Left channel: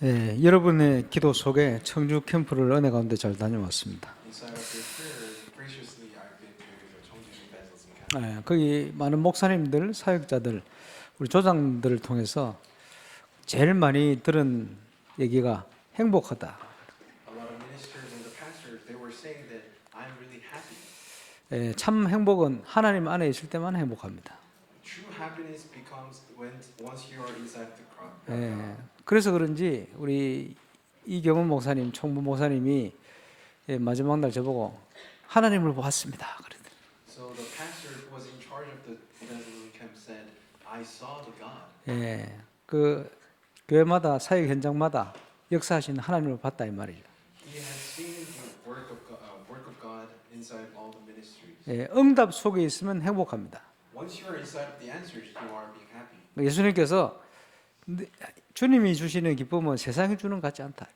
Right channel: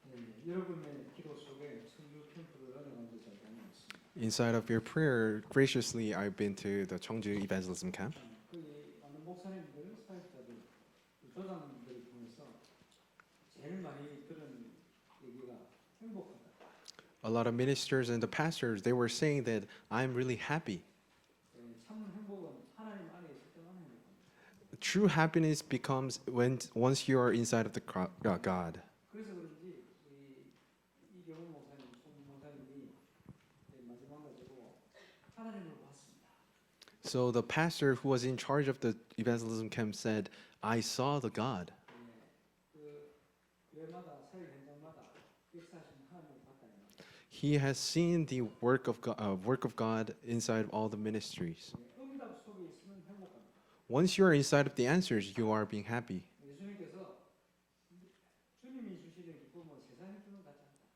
예, 여러분의 기도 속에 청주 캠프를 은혜 가운데 잘 다녀왔습니다. Inside of your prayer, graciously, I've been to the Cheongju Evangelism Camp. 예, 거기 많은 목사님들, 사역자들, 우리 조장들을 통해서 제일 많이 들은 얘기가 행복하다. A lot of ministers and the pastors, they were saying that I'm really happy. 예, 참 행복은 하나님 안에 있을 때만 행복합니다. True happiness becomes when once you are inside of the 예, God. 그래서 그런지 우리 이경훈 목사님, 총무 목사님이 예, 마지막 날 저보고 하나님을 보았습니다. 그랬더니 So the pastor who was in charge of the evangelism camp said, I saw the God. 예, 그 교회마다 사역 현장마다 역사하신 하나님을 봤다 이 말이죠. He has seen the work of God inside all the ministries. 예, 응답 속에 있으면 행복합니다. Once you are inside of the answers, you are being happy. 예수님께서 주님이 주시는 기쁨은 세상이 주는 것 같지 않다.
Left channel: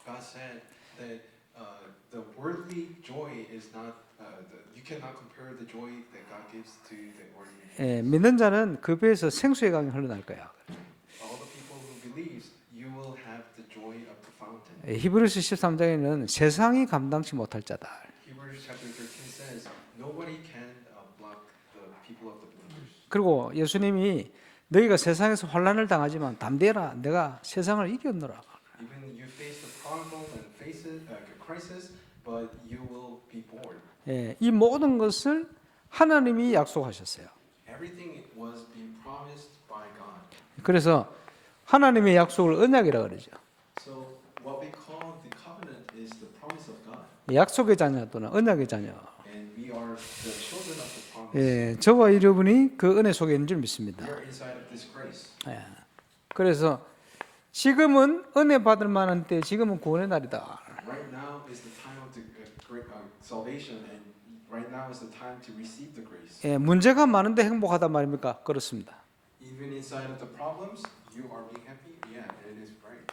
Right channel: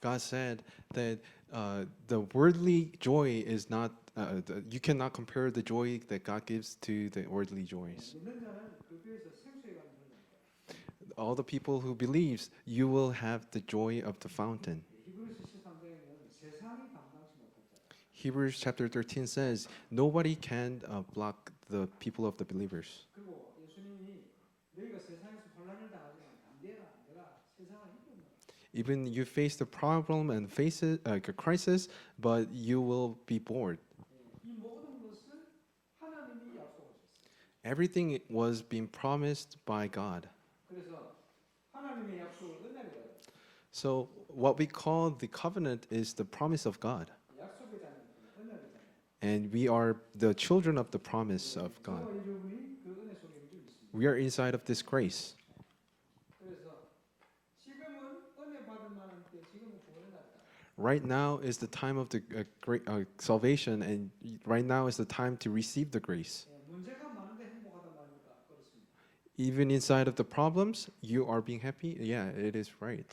God said that the worldly joy is not. You cannot compare the joy that God gives to the worldly 예, joys. 믿는 자는 그 배에서 생수의 강이 흘러날 거야. All the people who believes, you will have the joy of the fountain. 예, 히브리서 13장에는 세상이 감당치 못할 자다. Hebrews chapter 13 says, nobody can block the people of the believers. 그리고 예수님이 너희가 세상에서 환난을 당하지만 담대라, 내가 세상을 이겼노라. Even you face the problem and face it, a crisis, but you will be born. 예, 이 모든 것을 하나님이 약속하셨어요. Everything was being promised by God. 그래서 하나님의 약속을 언약이라 그러죠. So what we call the covenant is the promise of God, 약속의 자녀 또는 언약의 자녀. and we are the children of the promise. 예, 저와 여러분이 그 은혜 속에 있는 줄 믿습니다. We are inside of this grace. 예, 그래서 지금은 은혜 받을 만한 때, 지금은 구원의 날이다. Right now is the time of the great salvation, and right now is the time to receive the grace. 예, 문제가 많은데 행복하단 말입니까? 그렇습니다. Even inside of the problems, you are being happy. Yeah, it is right.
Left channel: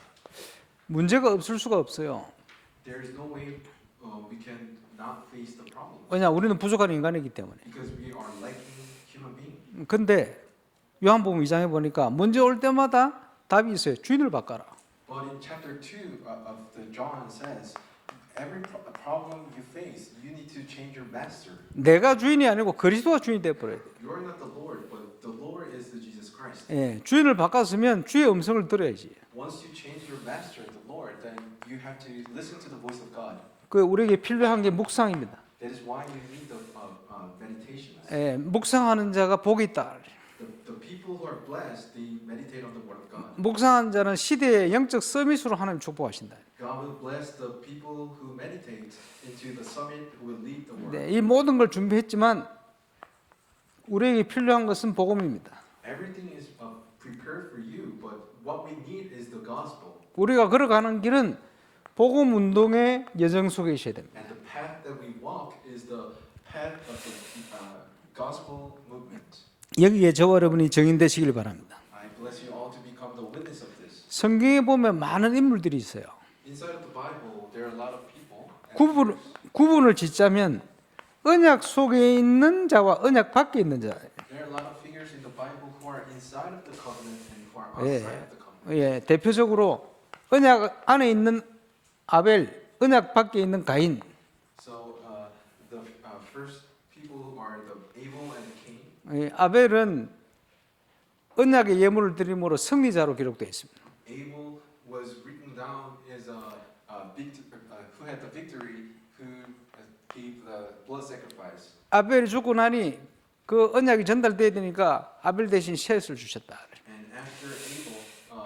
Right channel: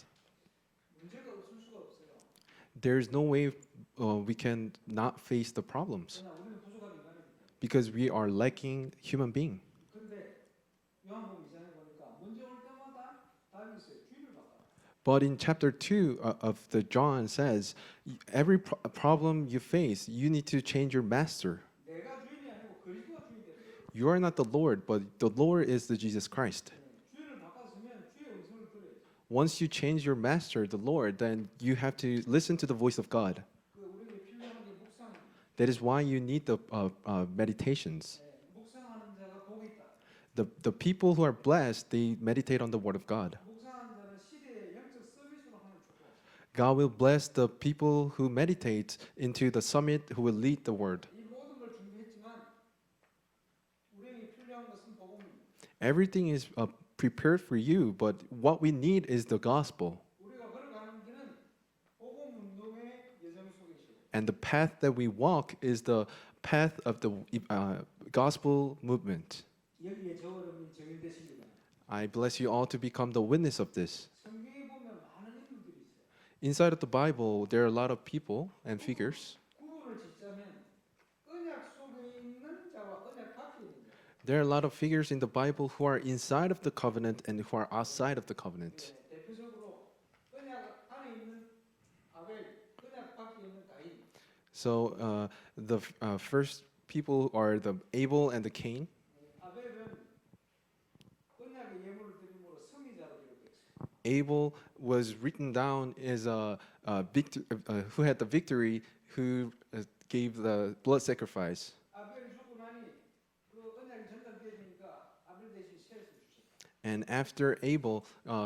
문제가 없을 수가 없어요. There is no way we can not face the problems 왜냐, 우리는 부족한 인간이기 때문에. because we are lacking human being. 근데 요한복음 2장에 보니까 문제 올 때마다 답이 있어요. 주인을 바꿔라. But in chapter 2 of the John says, every problem you face, you need to change your master. 내가 주인이 아니고 그리스도가 주인이 돼 버려요. You are not the Lord, but the Lord is the Jesus Christ. 예, 주인을 바꿨으면 주의 음성을 들어야지. Once you change your master, the Lord, then you have to listen to the voice of God. 그 우리에게 필요한 게 묵상입니다. That is why you need the meditations. 예, 묵상하는 자가 복이 있다. The people who are blessed, they meditate on the word of God. 묵상하는 자는 시대의 영적 서밋으로 하나님 축복하신다. God will bless the people who meditate into the summit who will lead the word. 네, 이 모든 걸 준비했지만 우리에게 필요한 것은 복음입니다. Everything is prepared for you, but what we need is the gospel. 우리가 걸어가는 길은 복음 운동의 여정 속에 있어야 됩니다. And the path that we walk is the path of the gospel movement. 여기에 저와 여러분이 증인되시길 바랍니다. I bless you all to become the witness of this. 성경에 보면 많은 인물들이 있어요. Inside of the Bible, there are a lot of people and figures. 구분을 짓자면 언약 속에 있는 자와 언약 밖에 있는 자. There are a lot of figures in the Bible who are inside of the covenant and who are outside of the covenant. 예, 대표적으로 언약 안에 있는 아벨, 언약 밖에 있는 가인. So the first people are the Abel and the Cain. 예, 아벨은 언약의 예물을 드림으로 승리자로 기록되어 있습니다. Abel was written down as who had the victory, who gave the blood sacrifice. 아벨이 죽고 나니 그 언약이 전달돼야 되니까 아벨 대신 셋을 주셨다. And after Abel,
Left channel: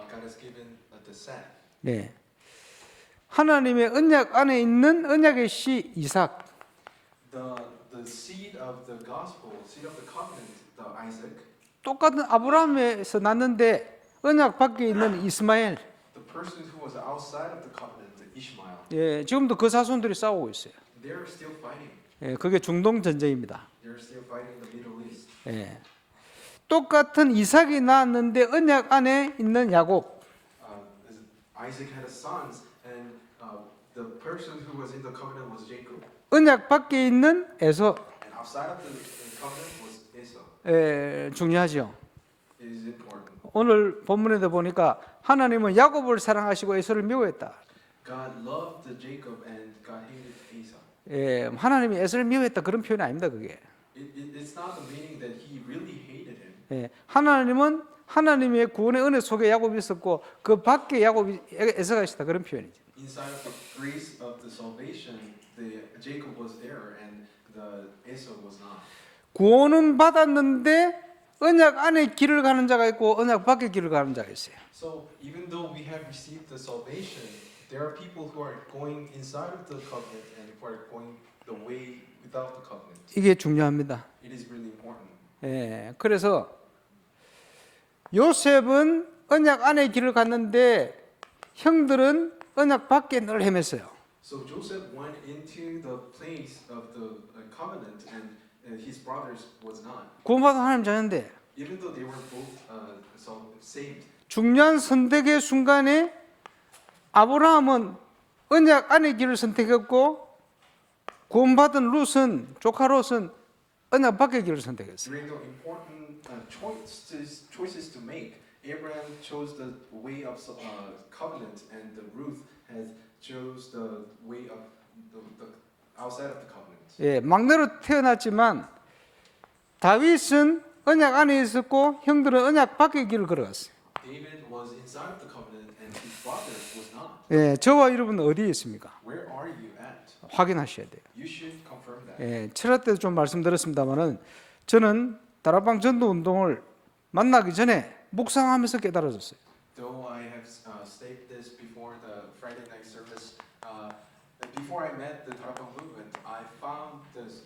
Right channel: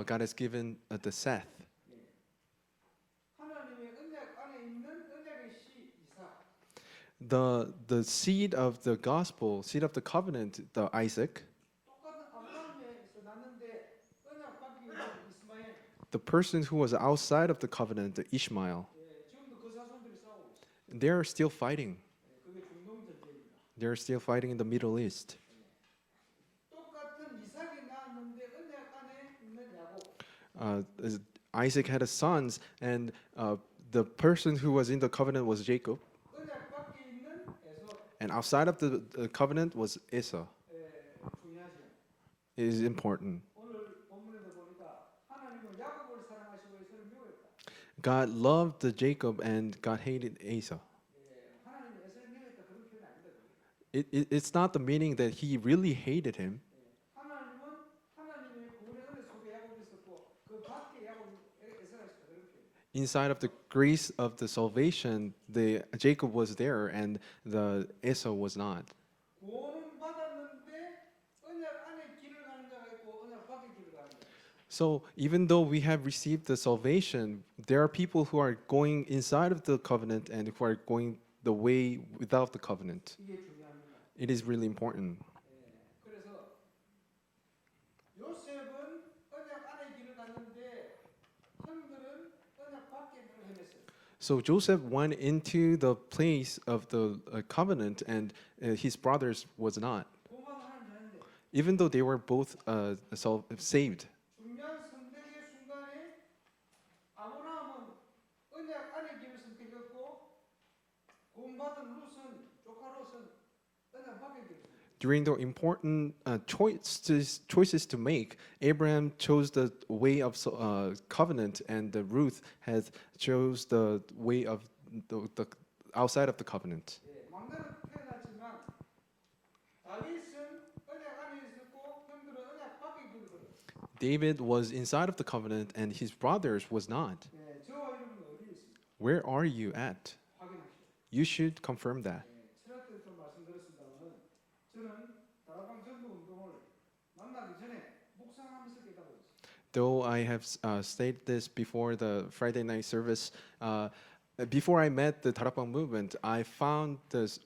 God has given the Seth. 네. 하나님의 언약 안에 있는 언약의 씨 이삭. The seed of the gospel, seed of the covenant, the Isaac. 똑같은 아브라함에서 났는데 언약 밖에 있는 이스마엘. The person who was outside of the covenant, the Ishmael. 예, 지금도 그 자손들이 싸우고 있어요. They are still fighting. 예, 그게 중동 전쟁입니다. They are still fighting in the Middle East. 예. 똑같은 이삭이 낳았는데 언약 안에 있는 야곱. Isaac had sons, and the person who was in the covenant was Jacob. 언약 밖에 있는 에서. And outside of the covenant was Esau. 예, 중요하죠. It is important. 오늘 본문에도 보니까 하나님은 야곱을 사랑하시고 에서를 미워했다. God loved Jacob and God hated Esau. 예, 하나님이 에서를 미워했다 그런 표현이 아닙니다. 그게. It's not the meaning that he really hated him. 예, 하나님은 하나님의 구원의 은혜 속에 야곱이 있었고 그 밖에 야곱이 에서가 있었다 그런 표현이죠. Inside of the grace of the salvation, the Jacob was there and the Esau was not. 구원은 받았는데 언약 안에 길을 가는 자가 있고 언약 밖에 길을 가는 자가 있어요. So even though we have received the salvation, there are people who are going inside of the covenant and who are going the way without the covenant. 이게 중요합니다. It is really important. 예, 그래서 요셉은 언약 안에 길을 갔는데 형들은 언약 밖에 늘 헤맸어요. So Joseph went into the place of the covenant and his brothers was not. 구원받은 하나님 자녀인데 Even though they were both saved. 중요한 선택의 순간에 아브라함은 언약 안의 길을 선택했고 구원받은 룻은 조카 롯은 언약 밖의 길을 선택했어요. During the important choices to make, Abraham chose the way of covenant, and Ruth has chose the way of the outside of the covenant. 예, 막내로 태어났지만 다윗은 언약 안에 있었고 형들은 언약 밖의 길을 걸어갔어요. David was inside of the covenant, and his brothers was not. 예, 저와 여러분은 어디에 있습니까? Where are you at? 확인하셔야 돼요. You should confirm that. 예, 7화 때도 좀 말씀드렸습니다만은 저는 다락방 전도 운동을 만나기 전에 묵상하면서 깨달아졌어요. Though I have stated this before the Friday night service, before I met the Tarapang movement, I found this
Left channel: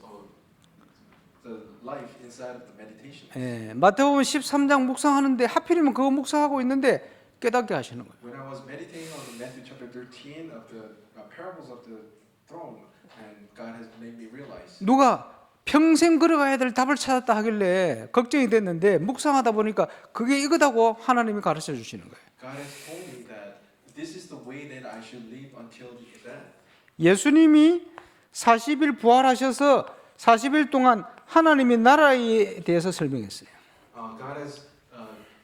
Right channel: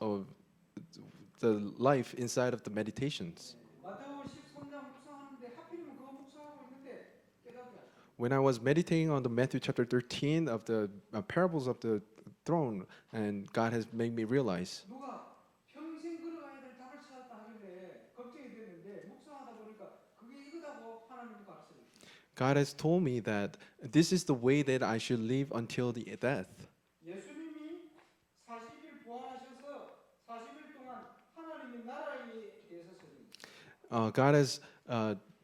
the life inside of the meditations. 예, 마태복음 13장 묵상하는데 하필이면 그거 묵상하고 있는데 깨닫게 하시는 거예요. When I was meditating on the Matthew chapter 13 of the parables of the throne, and God has made me realize. 누가 평생 걸어가야 될 답을 찾았다 하길래 걱정이 됐는데 묵상하다 보니까 그게 이거다고 하나님이 가르쳐 주시는 거예요. God has told me that this is the way that I should live until the death. 예수님이 40일 부활하셔서 40일 동안 하나님의 나라에 대해서 설명했어요. God has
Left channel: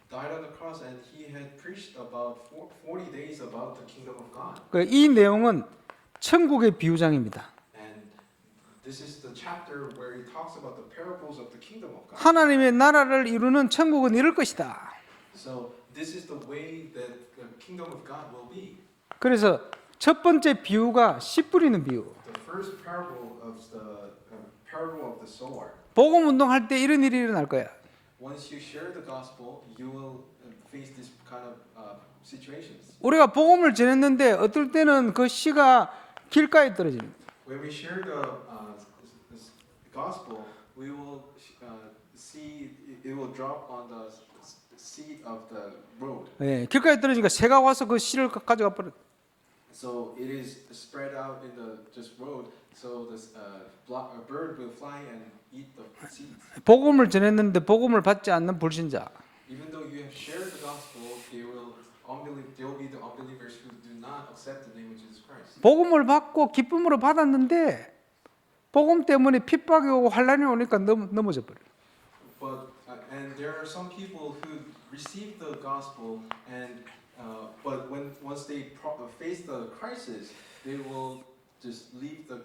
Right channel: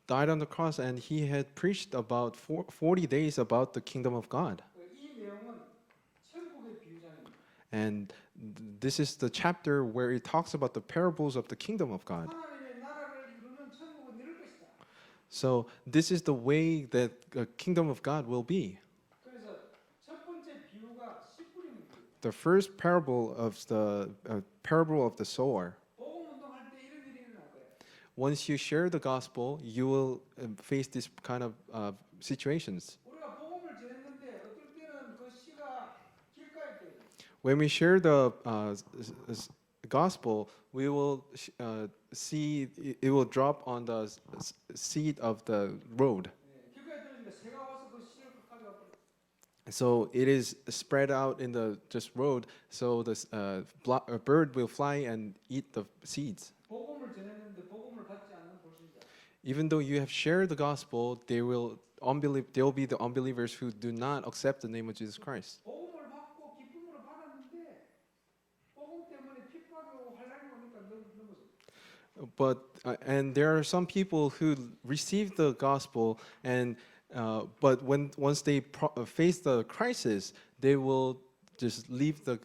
died on the cross and he had preached about 40 days about the kingdom of God. 이 내용은 천국의 비유장입니다. And this is the chapter where it talks about the parables of the kingdom of God. 하나님의 나라를 이루는 천국은 이럴 것이다. So this is the way that the kingdom of God will be. 그래서 첫 번째 비유가 씨 뿌리는 비유. The first parable of the parable of the sower. 복음 운동할 때 이런 일이 일어날 거야. Once you share the gospel, you will face this kind of situations. 우리가 복음을 전했는데 어떨 때는 그 씨가 길가에 떨어지는 거야. When we share the gospel, we will see it will drop on the seed of the road. 예, 길가에 떨어지니까 새가 와서 그 씨를 가져가 버려. So it is spread out in the just road. So the a bird will fly and eat the seeds. 복음을 전했는데 복음을 받지 않는 불신자. Even though you have shared the gospel, they will be the unbelievers who do not accept the name of Jesus Christ. 복음을 받고 기쁨으로 받았는데 복음 때문에 핍박이 오고 환란이 오니까 넘어져 버려. But and there are some people who receive the gospel and but once they face the crisis, they will just leave the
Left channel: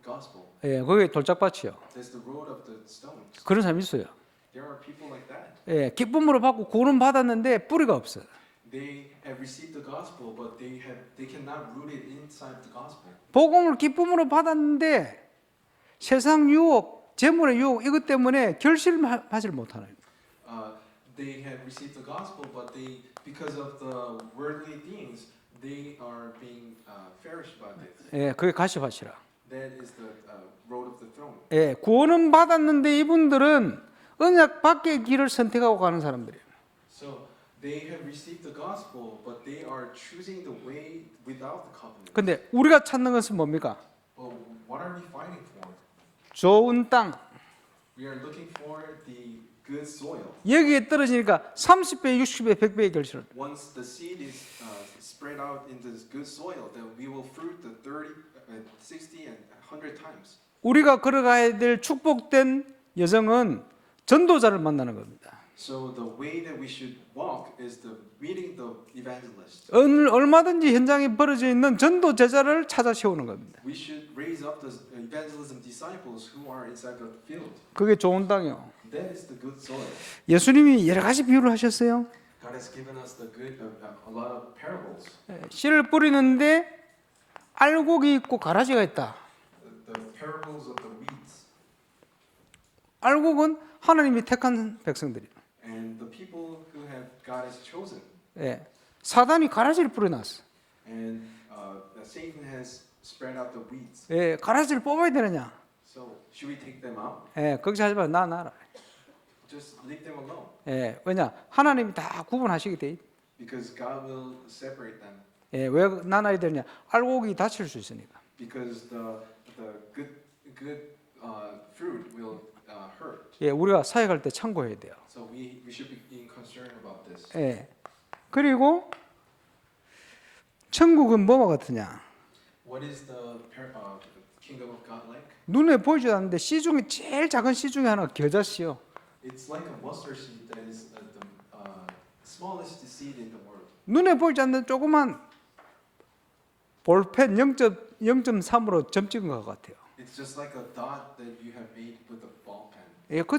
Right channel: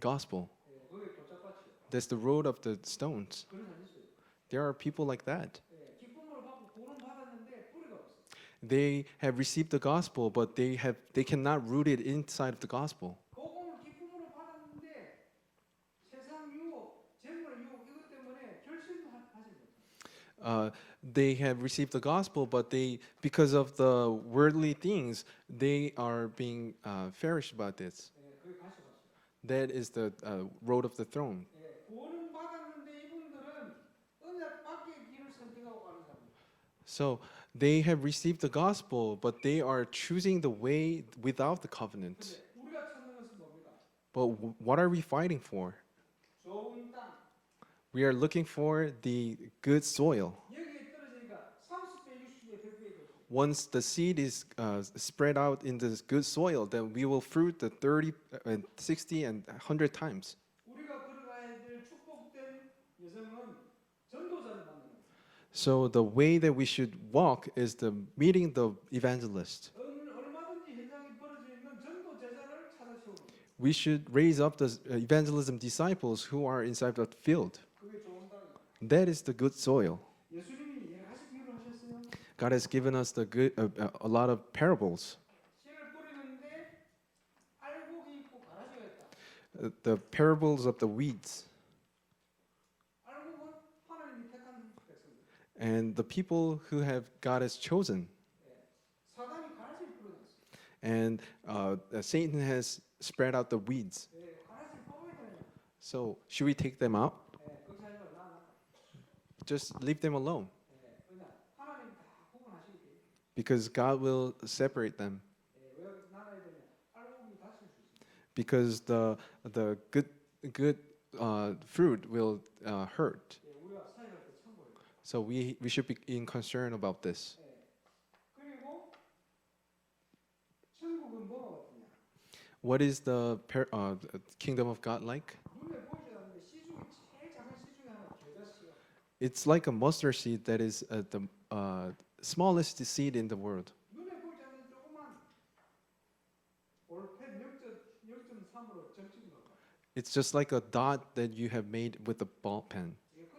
gospel. 예, 그게 돌짝밭이요. That's the road of the stones. 그런 사람이 있어요. There are people like that. 예, 기쁨으로 받고 구원은 받았는데 뿌리가 없어요. They have received the gospel, but they cannot root it inside the gospel. 복음을 기쁨으로 받았는데 세상 유혹, 재물의 유혹 이것 때문에 결실하지 못하는. They have received the gospel, but because of the worldly things, they are being flourished by this. 예, 그게 가시밭이라. That is the road of the throne. 예, 구원은 받았는데 이분들은 언약 밖의 길을 선택하고 가는 사람들이에요. So they have received the gospel, but they are choosing the way without the covenant. 근데 우리가 찾는 것은 뭡니까? But what are we fighting for? 좋은 땅. We are looking for the good soil. 여기에 떨어지니까 30배, 60배, 100배의 결실. Once the seed is spread out into this good soil, then we will fruit the 30, 60, and 100 times. 우리가 걸어가야 될 축복된 여정은 전도자를 만나는 겁니다. So the way that we should walk is the meeting the evangelist. 얼마든지 현장에 벌어져 있는 전도 제자를 찾아 세우는 겁니다. We should raise up the evangelism disciples who are inside the field. 그게 좋은 땅이요. That is the good soil. 예수님이 여러 가지 비유를 하셨어요. God has given us the good, a lot of parables. 씨를 뿌리는데 알곡이 있고 가라지가 있다. The parables of the weeds. 알곡은 하나님이 택한 백성들이에요. And the people who have God has chosen. 예, 사단이 가라지를 뿌려놨어. And Satan has spread out the weeds. 예, 가라지를 뽑아야 되느냐? So should we take them out? 예, 걱정하지 마, 나 나라. Just leave them alone. 예, 왜냐? 하나님이 다 구분하시게 돼. Because God will separate them. 예, 왜 나눠야 되느냐? 알곡이 다칠 수 있으니까. Because the good fruit will hurt. 예, 우리가 사역할 때 참고해야 돼요. So we should be in concern about this. 예, 그리고 천국은 뭐와 같으냐? What is the kingdom of God like? 눈에 보이지 않는데 씨 중에 제일 작은 씨 중에 하나가 겨자씨요. It's like a mustard seed that is the smallest seed in the world. 눈에 보이지 않는 조그만 볼펜 0.3으로 점 찍은 것 같아요. It's just like a dot that you have made with a ball pen. 예, 그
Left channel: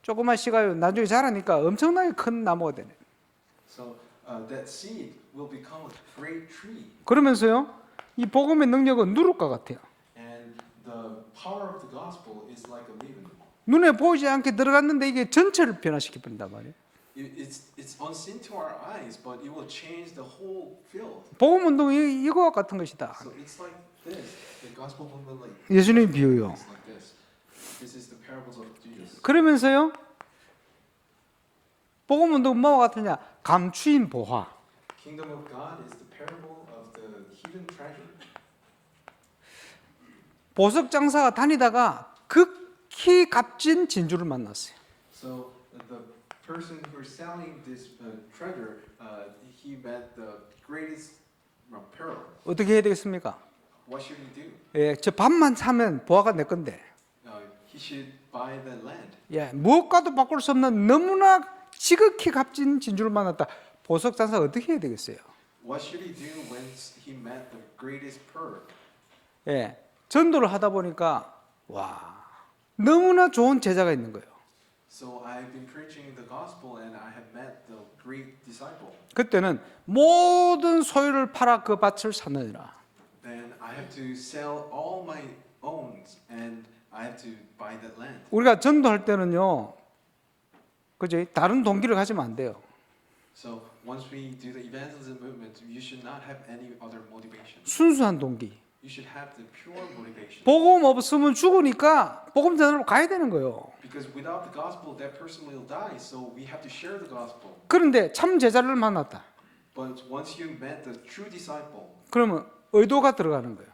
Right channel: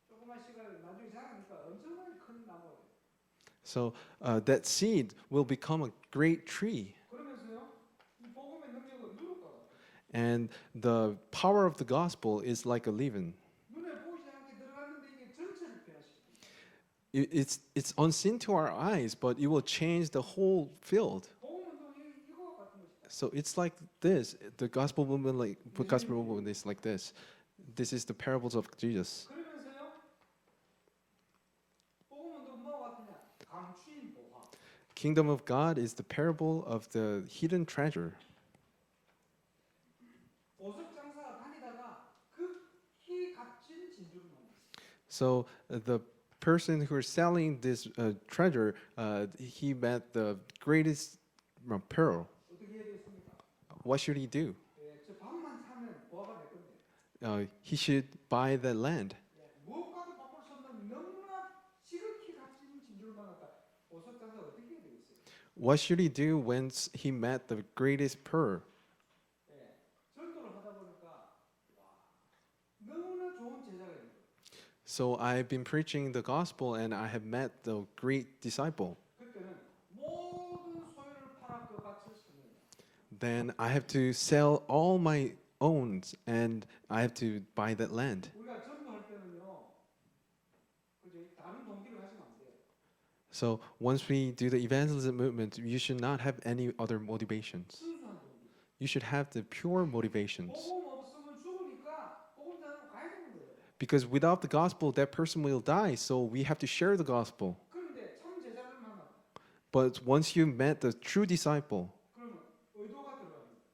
조그만 씨가 나중에 자라니까 엄청나게 큰 나무가 되네. So that seed will become a great tree. 그러면서요, 이 복음의 능력은 누룩과 같아요. And the power of the gospel is like a leaven. 눈에 보이지 않게 들어갔는데 이게 전체를 변화시켜 버린단 말이에요. It's unseen to our eyes, but it will change the whole field. 복음 운동이 이거와 같은 것이다. So it's like this. The gospel movement, like 예수님 gospel movement 비유요. is like this. This is the parables of Jesus. 그러면서요, 복음 운동은 뭐와 같으냐? 감추인 보화. Kingdom of God is the parable of the hidden treasure. 보석 장사가 다니다가 극히 값진 진주를 만났어요. So the person who is selling this treasure, he met the greatest pearl. 어떻게 해야 되겠습니까? What should he do? 예, 저 밥만 사면 보화가 내 건데, He should buy the land. 예, 무엇과도 바꿀 수 없는 너무나 지극히 값진 진주를 만났다. 보석 장사 어떻게 해야 되겠어요? What should he do when he met the greatest pearl? 예, 전도를 하다 보니까 와, 너무나 좋은 제자가 있는 거예요. So I've been preaching the gospel and I have met the great disciple. 그때는 모든 소유를 팔아 그 밭을 샀느니라. Then I have to sell all my owns and I have to buy that land. 우리가 전도할 때는요, 그죠? 다른 동기를 가지면 안 돼요. So once we do the evangelism movement, you should not have any other motivation. 순수한 동기. You should have the pure motivation. 복음 없으면 죽으니까 복음 전하러 가야 되는 거예요. Because without the gospel, that person will die. So we have to share the gospel. 그런데 참 제자를 만났다. But once you met the true disciple, 그러면 의도가 들어가는 거예요.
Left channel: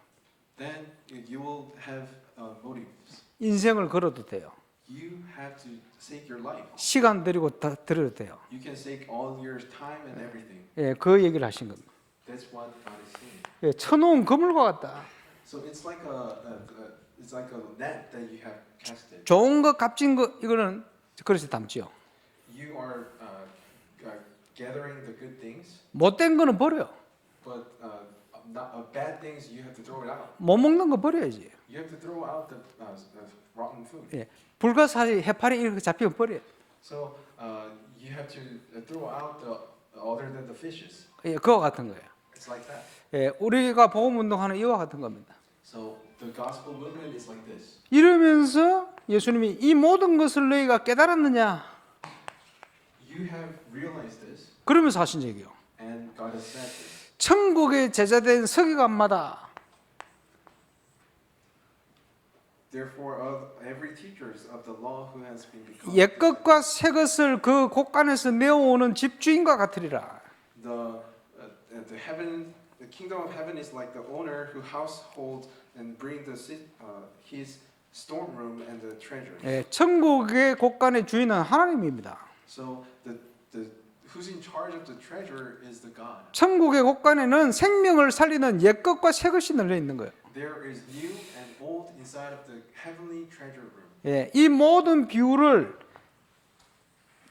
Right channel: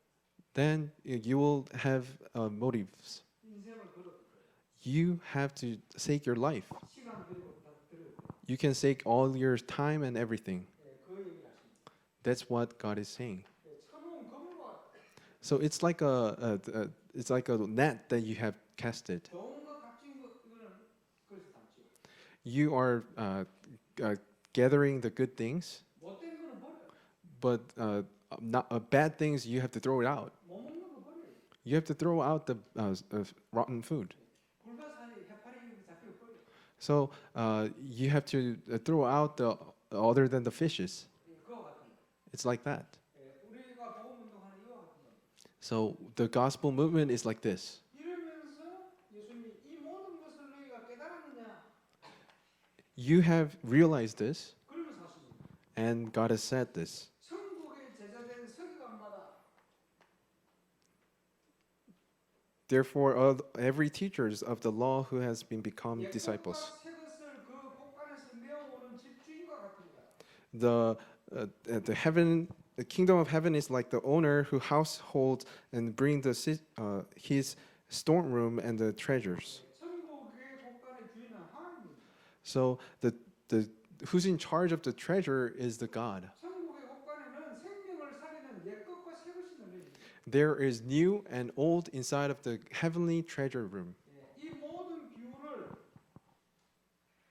then you will have motives. 인생을 걸어도 돼요. You have to sake your life. 시간 들이고 다 들여도 돼요. You can sake all your time and everything. 예, 그 얘기를 하신 겁니다. That's what God is saying. 예, 쳐놓은 그물과 같다. So it's like it's like a net that you have casted. 좋은 거, 값진 거 이거는 그릇에 담지요. You are gathering the good things, 못된 거는 버려. but not bad things. You have to throw it out. 못 먹는 거 버려야지. You have to throw out the rotten food. 예, 불가사리, 해파리 이렇게 잡히면 버려. So you have to throw out the other than the fishes. 예, 그와 같은 거예요. It's like that. 예, 우리가 복음 운동하는 이와 같은 겁니다. So the gospel movement is like this. 이러면서 예수님이 이 모든 것을 너희가 깨달았느냐? You have realized this, 그러면서 하신 얘기요. and God has said this. 천국의 제자된 서기관마다 Therefore, every teachers of the law who has been become 옛 것과 disciples, 새 것을 그 곳간에서 내어오는 집주인과 같으리라. the kingdom of heaven is like the owner who households and bring his storeroom and the treasures. 예, 천국의 곳간의 주인은 하나님입니다. So who's in charge of the treasure is the God. 천국의 곳간에는 생명을 살리는 옛 것과 새 것이 널려 있는 거예요. There is new and old inside of the heavenly treasure room. 예, 이 모든 비유를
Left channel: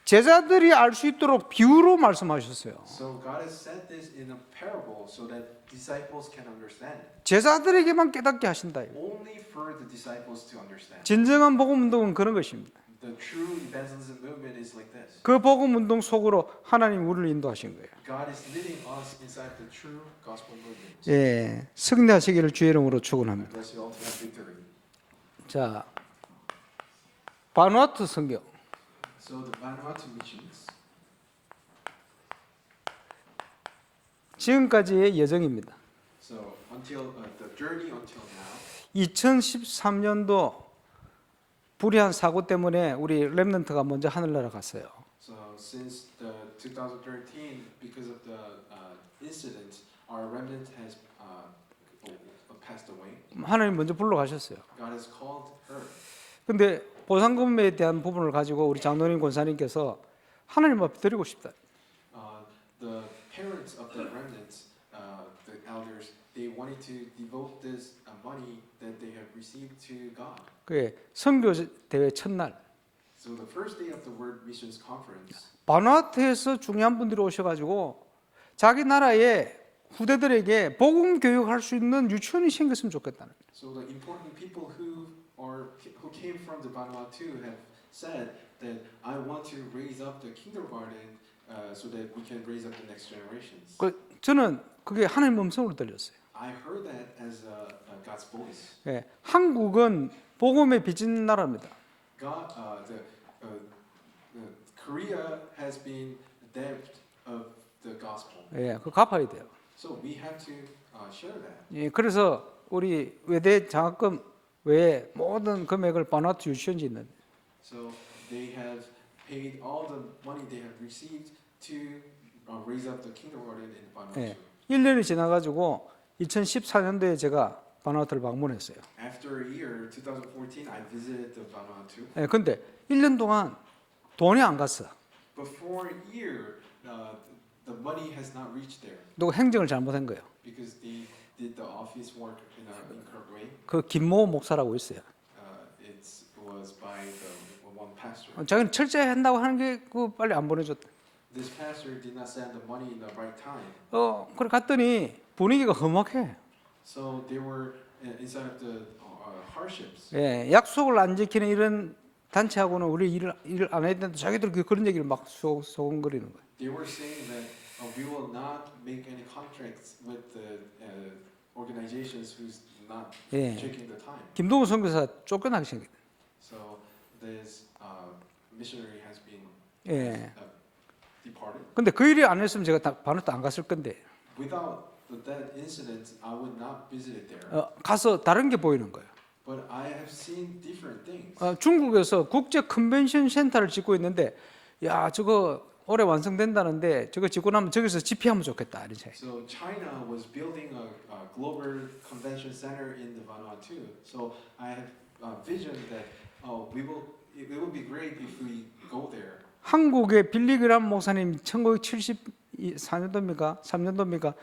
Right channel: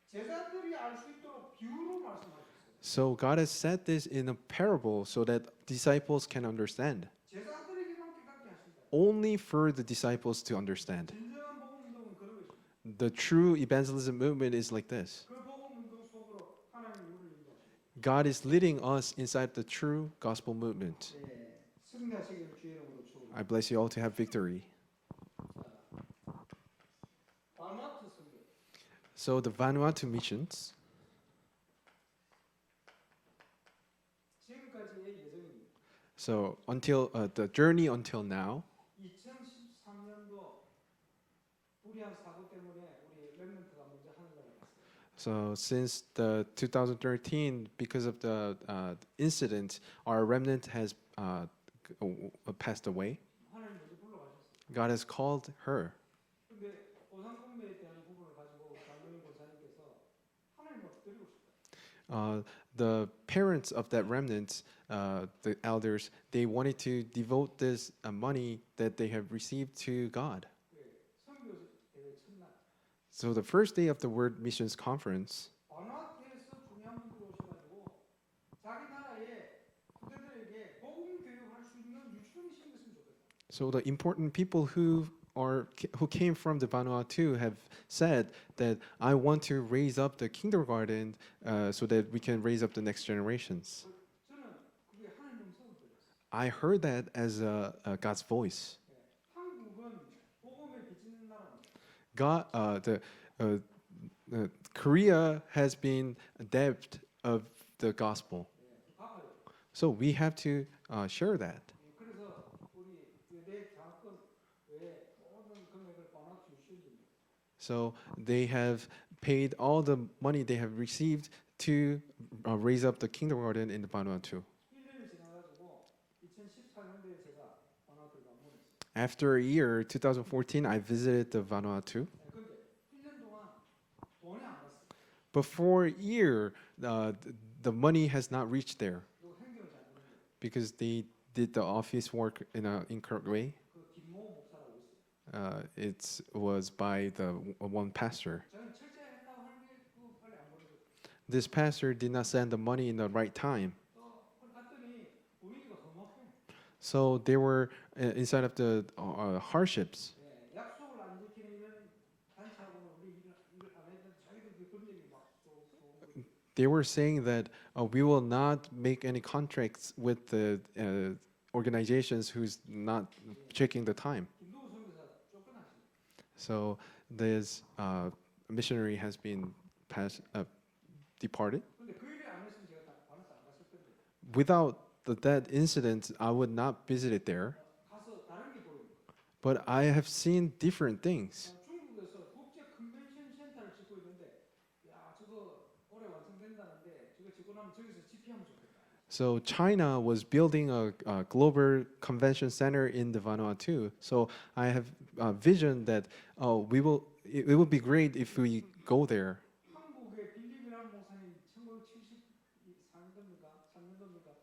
제자들이 알 수 있도록 비유로 말씀하셨어요. So God has said this in a parable so that disciples can understand. 제자들에게만 깨닫게 하신다. Only for the disciples to understand. 진정한 복음 운동은 그런 것입니다. The true evangelism movement is like this. 그 복음 운동 속으로 하나님 우리를 인도하신 거예요. God is leading us inside the true gospel movement. 예, 승리하시기를 주의 이름으로 I 축원합니다. bless you all to have victory. 자, 바누아투 선교. So the Vanuatu missions, 지금까지의 여정입니다. so until the journey until now, 2013년도 불의한 사고 때문에 우리 렘넌트가 먼저 하늘나라 갔어요. so since the 2013, because of the incident, our remnant has passed away. 하나님 먼저 불러가셨어요. God has called her. 근데 보상금에 대한 부분을 가지고 우리 장로님 권사님께서 하나님 앞에 드리고 싶다. The parents of that remnant, the elders, they wanted to devote this money that they have received to God. 그게 선교 대회 첫날 So the first day of the World Missions Conference, 바누아투에서 중요한 분들이 오셔가지고 자기 나라의 후대들에게 복음 교육할 수 있는 유치원이 생겼으면 좋겠다는. so the important people who came from the Vanuatu have said that I want to raise up the kindergarten so that we can raise up the next generations. 저는 그게 하나님 음성으로 들렸어요. I heard that as God's voice. 예, 한국은 복음에 빚진 나라입니다. God, Korea has been debt of the gospel, 예, 그 갚아야 돼요. so we have to share that. 예, 그래서 우리 외대 장학금 외에 모든 금액을 바누아투 유치원지 있는데 So they have paid all the money they have received to raise up the kindergarten in the Vanuatu. 1년이 지나가지고 2014년도에 제가 바누아투를 방문했어요. After a year, 2014, I visited the Vanuatu. 예, 근데 1년 동안 돈이 안 갔어. But for a year, the money has not reached there 또 행정을 잘못한 거예요. because they did the office work in an incorrect way. 그 김모 목사라고 있어요. It was by the one pastor. 자기는 철저히 한다고 하는 게 그 빨리 안 보내줬다. This pastor did not send the money in the right time. 그래 갔더니 분위기가 험악해. So they were inside of the hardships. 예, 약속을 안 지키는 이런 단체하고는 우리 일을 안 해야 된다. 자기들 그런 얘기를 막 소곤거리는 거예요. They were saying that we will not make any contracts with the organizations who's not 예. checking the time. 김동훈 선교사 쫓겨나게 생겼. So this missionary has been 예. departed. 근데 그 일이 안 했으면 제가 바누아투 안 갔을 건데 Without that incident, I would not visit it there. 가서 다른 게 보이는 거예요. But I have seen different things. 중국에서 국제 컨벤션 센터를 짓고 있는데 야 저거 올해 완성된다는데 저거 짓고 나면 저기서 집회하면 좋겠다 이런 생각. So China was building a global convention center in the Vanuatu. So I have a vision that it would be great if we go there. 한국의 빌리그람 목사님 1974년도입니까? 3년도입니까?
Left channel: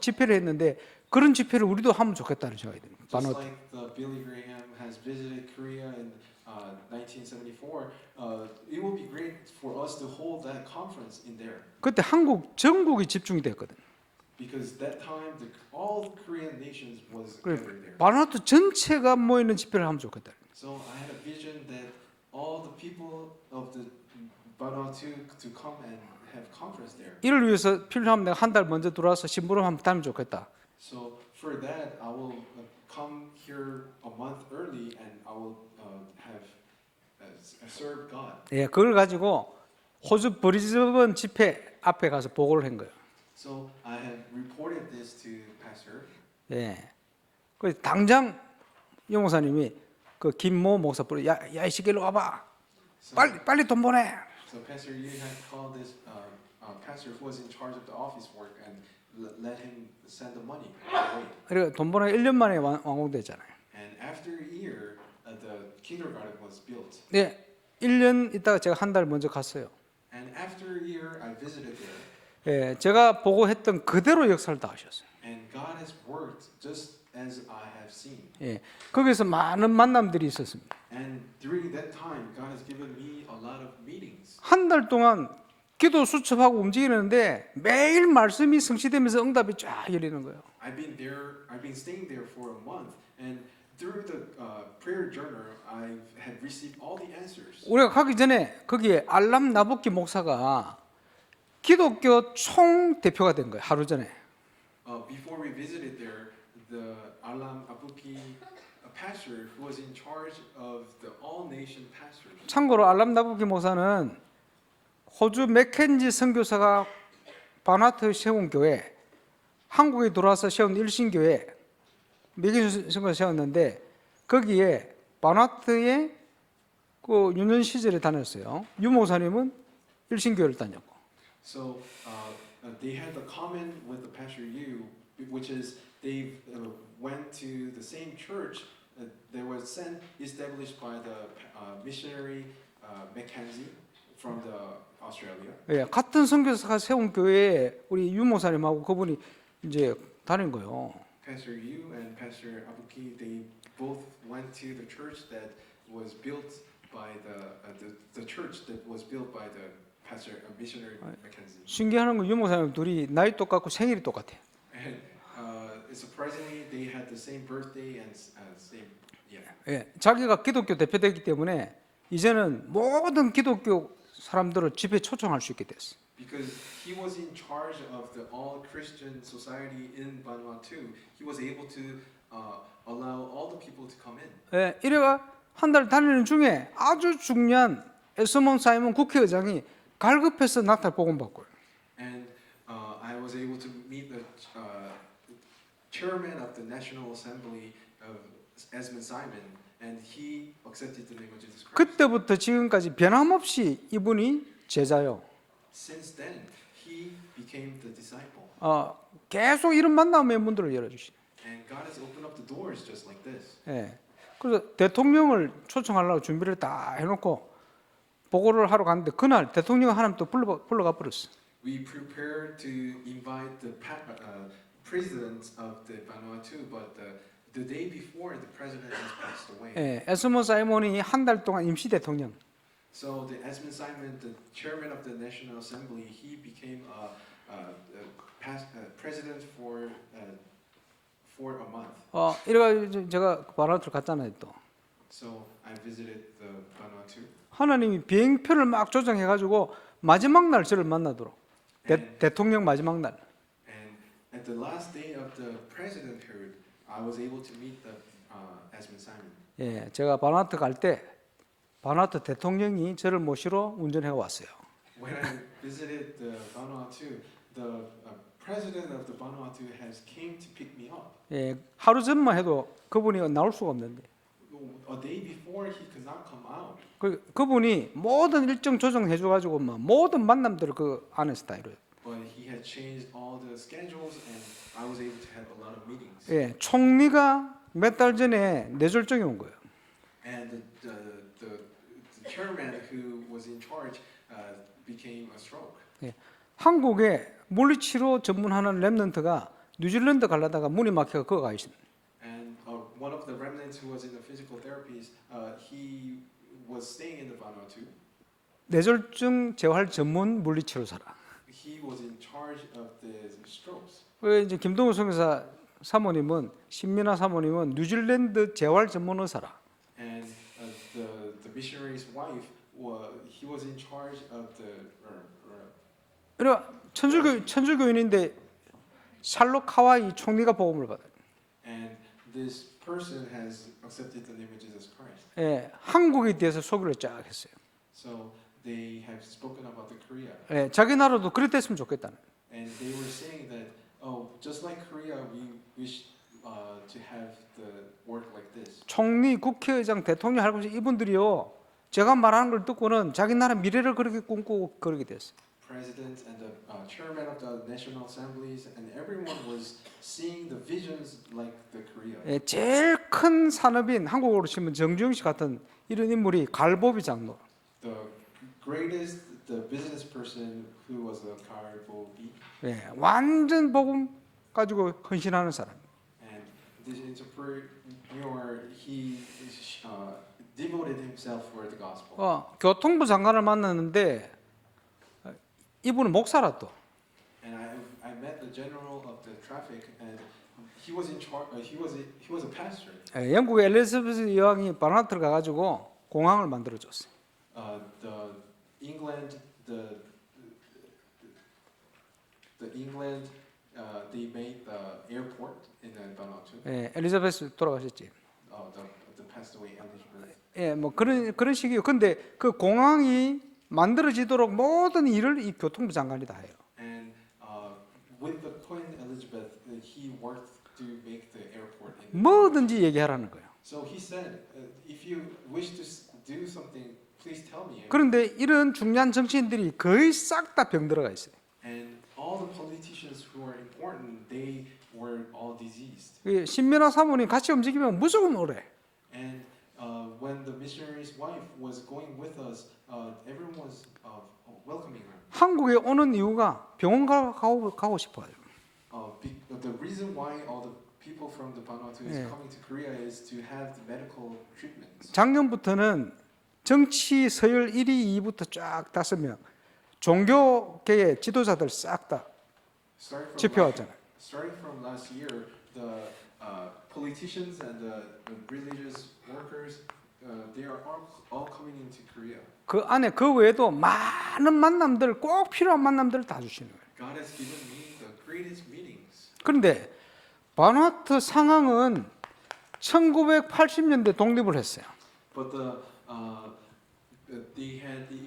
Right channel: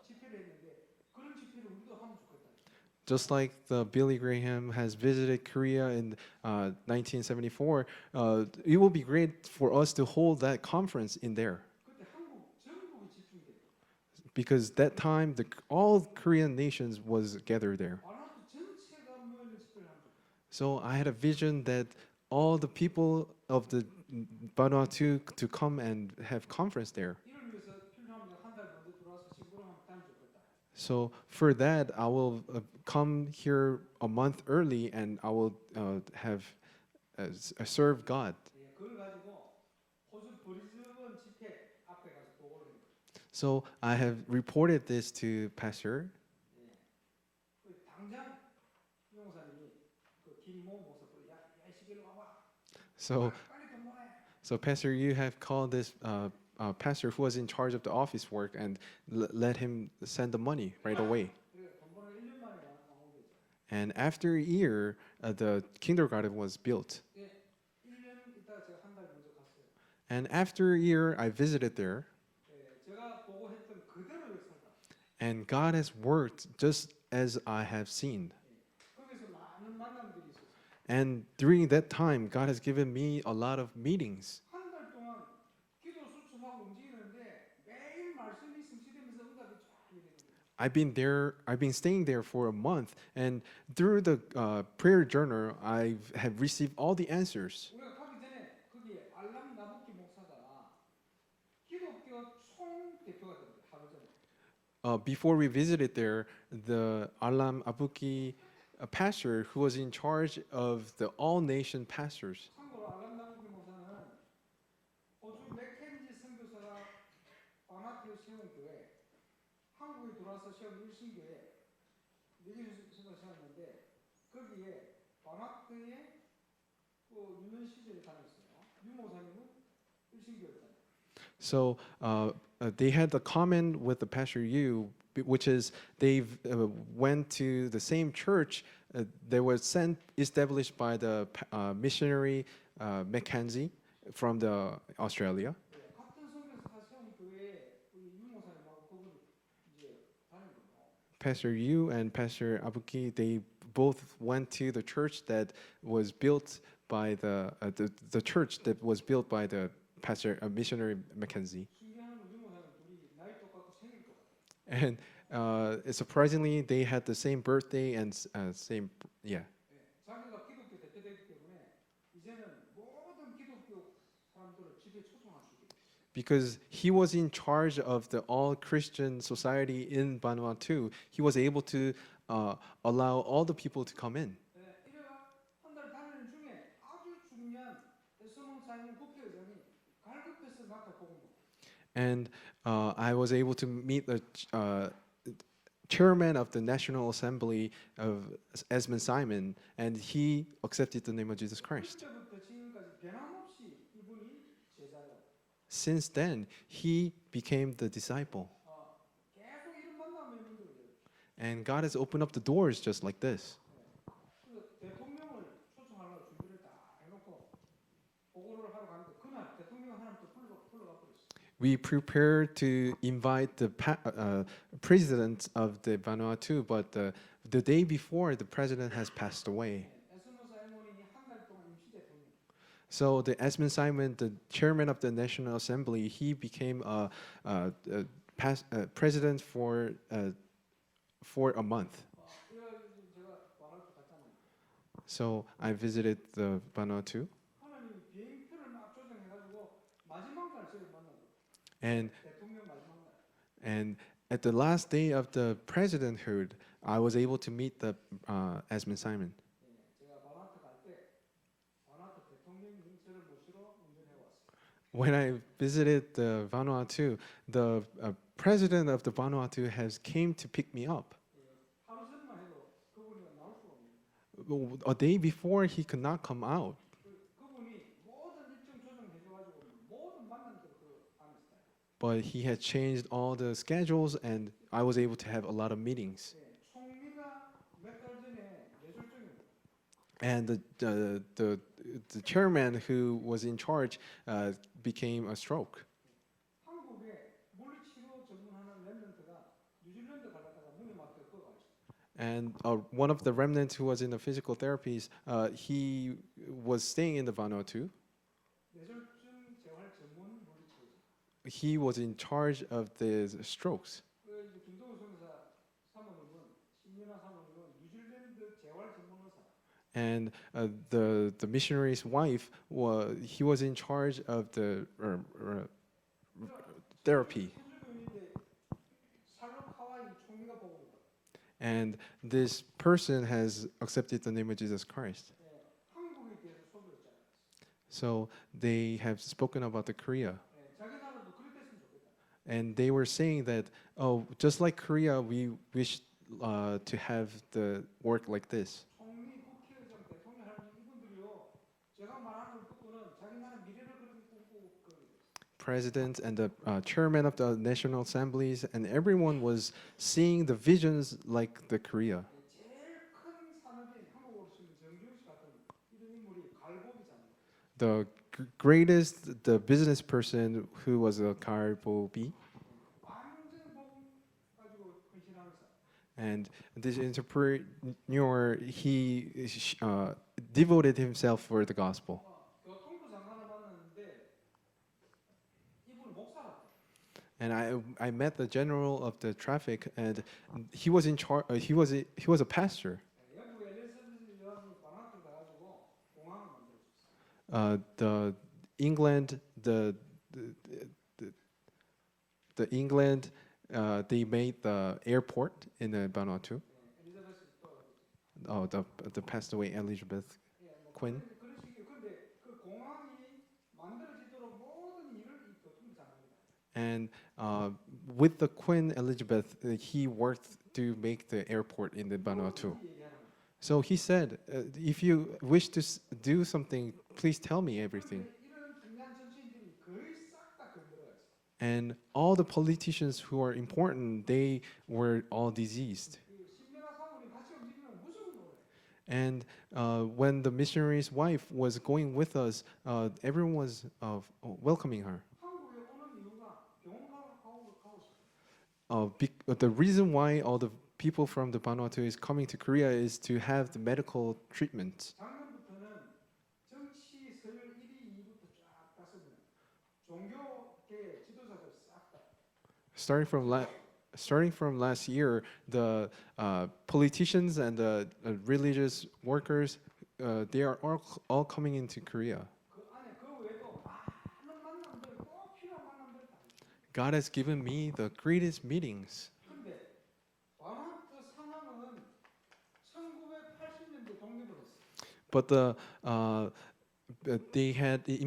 집회를 했는데 그런 집회를 우리도 하면 좋겠다는 생각이 듭니다. Just like the Billy Graham has visited Korea in 1974, it will be great for us to hold that conference in there. 그때 한국 전국이 집중이 됐거든. Because that time, all Korean nations was gathered there. 바누아투 전체가 모이는 집회를 하면 좋겠다. So I had a vision that all the people of the Vanuatu to come and have conference there. 이를 위해서 필요하면 내가 한 달 먼저 들어와서 심부름 한번 따면 좋겠다. So for that, I will come here a month early and I will have serve God. 예, 그걸 가지고 호주 브리즈번 집회 앞에 가서 보고를 한 거예요. So I have reported this to Pastor. 예, 그 당장 영목사님이 그 김모 목사 부르 야이 새끼로 와봐. So, 빨리 돈 보내. so Pastor, you have called this pastor who was in charge of the office work and let him send the money right away. 그리고 돈 보내 1년 만에 완공됐잖아요. And after a year, the kindergarten was built. 예, 1년 있다가 제가 한 달 먼저 갔어요. And after a year, I visited there. 예, 제가 보고 했던 그대로 역사를 다 하셨어요. And God has worked just as I have seen. 예, 거기서 많은 만남들이 있었습니다. And during that time, God has given me a lot of meetings. 한 달 동안 기도 수첩하고 움직이는데 매일 말씀이 성취되면서 응답이 쫙 열리는 거예요. I've been staying there for a month, and through the prayer journal, I had received all the answers. 우리가 가기 전에 거기에 알람 나부키 목사가 기독교 총 대표가 된 거예요. 하루 전에. Before we visited there, the Alam Abuki pastor who was in charge of the all nation pastors. 참고로 알람 나부키 목사는 호주 맥켄지 선교사가 바나트 세운 교회, 한국에 들어와서 세운 일신교회, 맥켄지 선교사 세웠는데 거기에 바나트의 그 유년 시절에 다녔어요. 유 목사님은 일신교회를 다녔고. So they had the common with the pastor Yu, which is they went to the same church that was established by the missionary Mackenzie from the Australia. 예, 같은 선교사가 세운 교회에 우리 유 목사님하고 그분이 이제 다닌 거예요. Pastor Yu and Pastor Abuki, they both went to the church that was built by the church that was built by the pastor missionary Mackenzie. 신기한 건 유 목사님 둘이 나이 똑같고 생일이 똑같아요. And surprisingly, they had the same birthday and same yeah. 예, 자기가 기독교 대표되기 때문에 이제는 모든 기독교 사람들을 집회에 초청할 수 있게 됐어. Because he was in charge of the all Christian society in Vanuatu, he was able to allow all the people to come in. 예, 이래가 한 달 다니는 중에 아주 중요한 에스몬 사이먼 국회의장이 갈급해서 나타나 복음받고요. And I was able to meet the chairman of the National Assembly of Esmond Simon, and he accepted the name of Jesus Christ. 그때부터 지금까지 변함없이 이분이 제자요. Since then, he became the disciple. 계속 이런 만남의 문들을 열어주시. And God has opened up the doors just like this. 예. 그래서 대통령을 초청하려고 준비를 다 해놓고 보고를 하러 갔는데 그날 대통령 하나님 또 불러가 버렸어. We prepared to invite the president of the Vanuatu, but the day before, the president has passed away. 예, 에스몬 사이먼이 한 달 동안 임시 대통령. So the Esmond Simon, the chairman of the National Assembly, he became president for a month. 이래가 제가 바나투를 갔잖아요 또. So I visited the Vanuatu. 하나님이 비행편을 막 조정해가지고 마지막 날 저를 만나도록. 대통령 마지막 날. And at the last day of the presidenthood, I was able to meet the Esmond Simon. 예, 제가 바나투 갈 때 바나투 대통령이 저를 모시러 운전해 왔어요. When I visited the Vanuatu, the president of the Vanuatu has came to pick me up. 예, 하루 전만 해도 그분이 나올 수가 없는데. A day before, he could not come out. 그분이 모든 일정 조정해줘가지고 막 모든 만남들을 그 안에서 다 이루어요. But he had changed all the schedules, and I was able to have a lot of meetings. 예, 총리가 몇 달 전에 뇌졸중이 온 거예요. And the chairman who was in charge became a stroke. 예, 한국에 물리치료 전문하는 랩런트가 뉴질랜드 가려다가 문이 막혀서 거기 가 있습니다. And one of the remnants who was in the physical therapies, he was staying in the Vanuatu. 뇌졸중 재활 전문 물리치료사라. He was in charge of the strokes. 이제 김동우 선교사 사모님은 신민아 사모님은 뉴질랜드 재활 전문 의사라. And the missionary's wife, he was in charge of the. 그러니까 천주교인인데 샬롯 카와이 총리가 복음을 받아요. And this person has accepted the name of Jesus Christ. 예, 한국에 대해서 소개를 쫙 했어요. So they have spoken about the Korea. 예, 자기 나라도 그랬으면 좋겠다는. And they were saying that, just like Korea, we wish to have the work like this. 총리, 국회의장, 대통령 할 것이 이분들이요. 제가 말하는 걸 듣고는 자기 나라 미래를 그렇게 꿈꾸고 그러게 됐어요. President and the chairman of the national assemblies, and everyone was seeing the visions like the Korea. 예, 제일 큰 산업인 한국으로 치면 정주영 씨 같은 이런 인물이 갈보비 장로. The greatest, the business person who was a Karbobi, 예, 완전 복음 가지고 헌신하는 사람. and this entrepreneur, he devoted himself for the gospel. 교통부 장관을 만났는데 이분은 목사라 또. And I met the general of the traffic, and he was in charge. He was a pastor. 예, 영국의 엘리자베스 여왕이 바나트를 가가지고 공항을 만들어 줬어요. The England, the England, they made the airport in the Vanuatu. 예, 엘리자베스 돌아가셨지. The passed away Elizabeth. 예, 뭐 그런 식이요. 근데 그 공항이 만들어지도록 모든 일을 이 교통부 장관이 다 해요. And with the Queen Elizabeth, he worked to make the airport in the Vanuatu. 뭐든지 얘기하라는 거예요. So he said, if you wish to do something, please tell me. everything." 그런데 이런 중요한 정치인들이 거의 싹 다 병들어가 있어요. And all the politicians who are important, they were all diseased. 이 신민아 사모님 같이 움직이면 무조건 오래. And when the missionary's wife was going with us, everyone was welcoming her. 한국에 오는 이유가 병원 가고 싶어요. The reason why all the people from the Vanuatu is Yeah. coming to Korea is to have the medical treatment. 작년부터는 정치 서열 1위, 2위부터 쫙 5명 종교계의 지도자들 싹 다 집회왔잖아요. Starting from last year, the politicians and the religious workers, they are all coming into Korea. 그 안에 그 외에도 많은 만남들 꼭 필요한 만남들을 다 주시는 거예요. God has given me the greatest meetings. 그런데 바누아투 상황은 1980년대 독립을 했어요. But they had the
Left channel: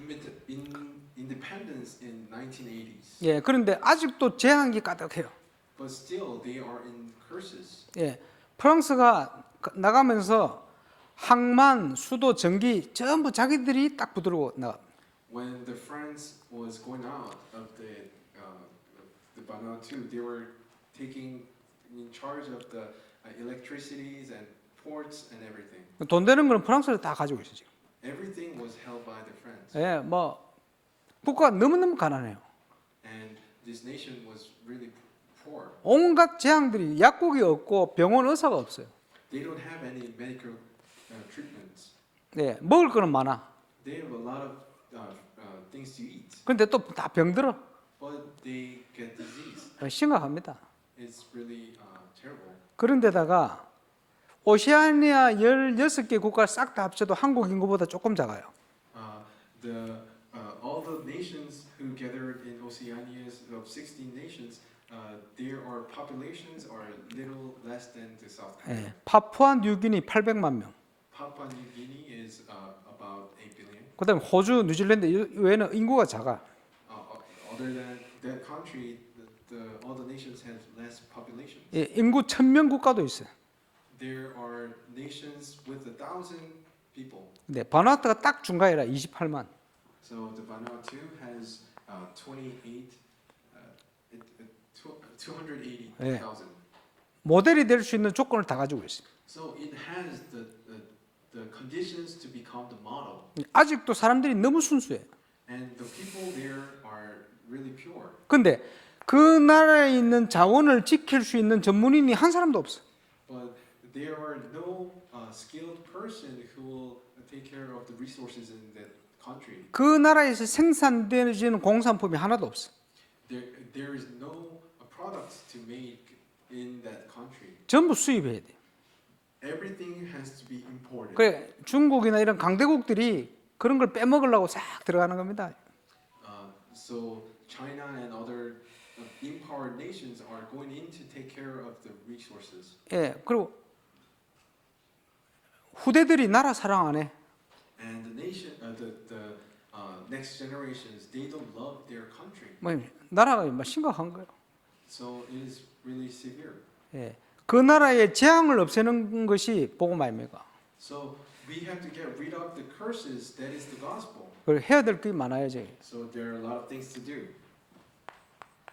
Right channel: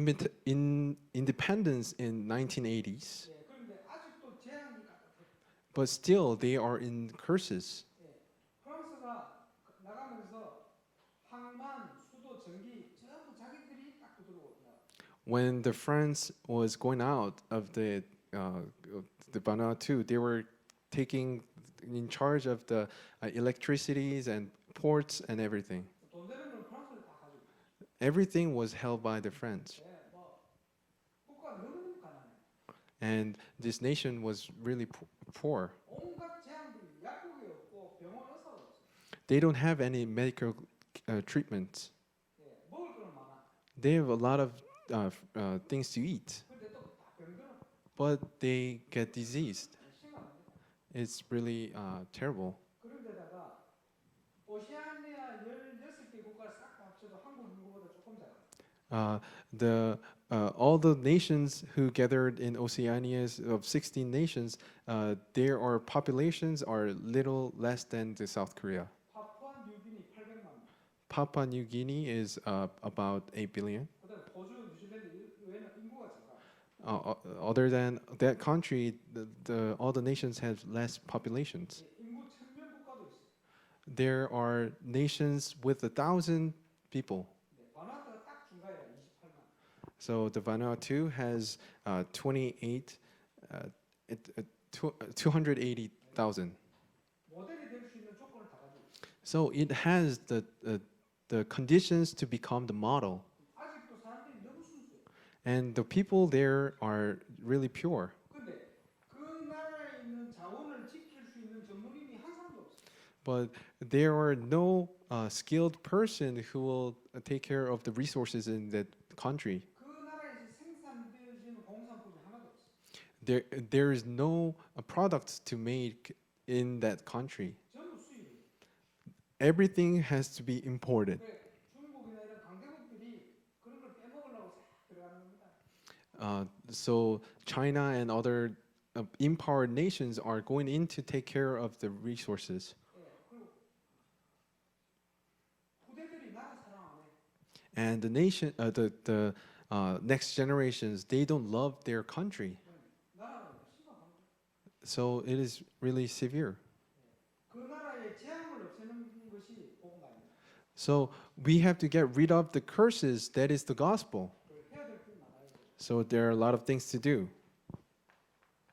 independence in 1980s. 예, 그런데 아직도 재앙이 가득해요. But still, they are in curses. 예, 프랑스가 나가면서 항만, 수도, 전기 전부 자기들이 딱 부들고 나가. When the France was going out of the Vanuatu, they were taking in charge of the electricities and ports and everything. 돈 되는 거는 프랑스를 다 가지고 있어요 지금. Everything was held by the French. 예, 뭐 국가가 너무너무 가난해요. And this nation was really poor. 온갖 재앙들이 약국이 없고 병원 의사가 없어요. They don't have any medical treatments. 예, 먹을 거는 많아. They have a lot of things to eat, 근데 또 다 병들어. but they get diseased. 심각합니다. It's really terrible. 그런데다가 오세아니아 16개 국가 싹 다 합쳐도 한국 인구보다 조금 작아요. All the nations who gathered in Oceania of 16 nations, their populations are little less than the South Korea. 예, 파푸아 뉴기니 800만 명. Papua New Guinea is about 8 billion. 그다음에 호주, 뉴질랜드 외에는 인구가 작아. Other than that country, all the nations have less populations. 예, 인구 1000명 국가도 있어요. There are nations with 1,000 people. 네, 바누아투가 딱 중간이라 28만. So the Vanuatu has 280,000. 모델이 될 수 있는 조건을 다 가지고 있어요. So it has the conditions to become the model. 아직도 사람들이 너무 순수해. And the people there are really pure. 근데 그 나라에 있는 자원을 지킬 수 있는 전문인이 한 사람도 없어. But there are no skilled person who will take care of the resources in that country. 그 나라에서 생산되는 공산품이 하나도 없어. There is no products to make in that country. 전부 수입해야 돼. Everything has to be imported. 그래 중국이나 이런 강대국들이 그런 걸 빼먹으려고 싹 들어가는 겁니다. So China and other empowered nations are going in to take care of the resources. 예, 그리고 후대들이 나라 사랑 안 해. And the nation, the next generations, they don't love their country. 뭐 나라가 뭐 심각한 거예요. So it is really severe. 예, 그 나라의 재앙을 없애는 것이 복음 아닙니까? So we have to get rid of the curses. That is the gospel. 그걸 해야 될 게 많아야지. So there are a lot of things to do.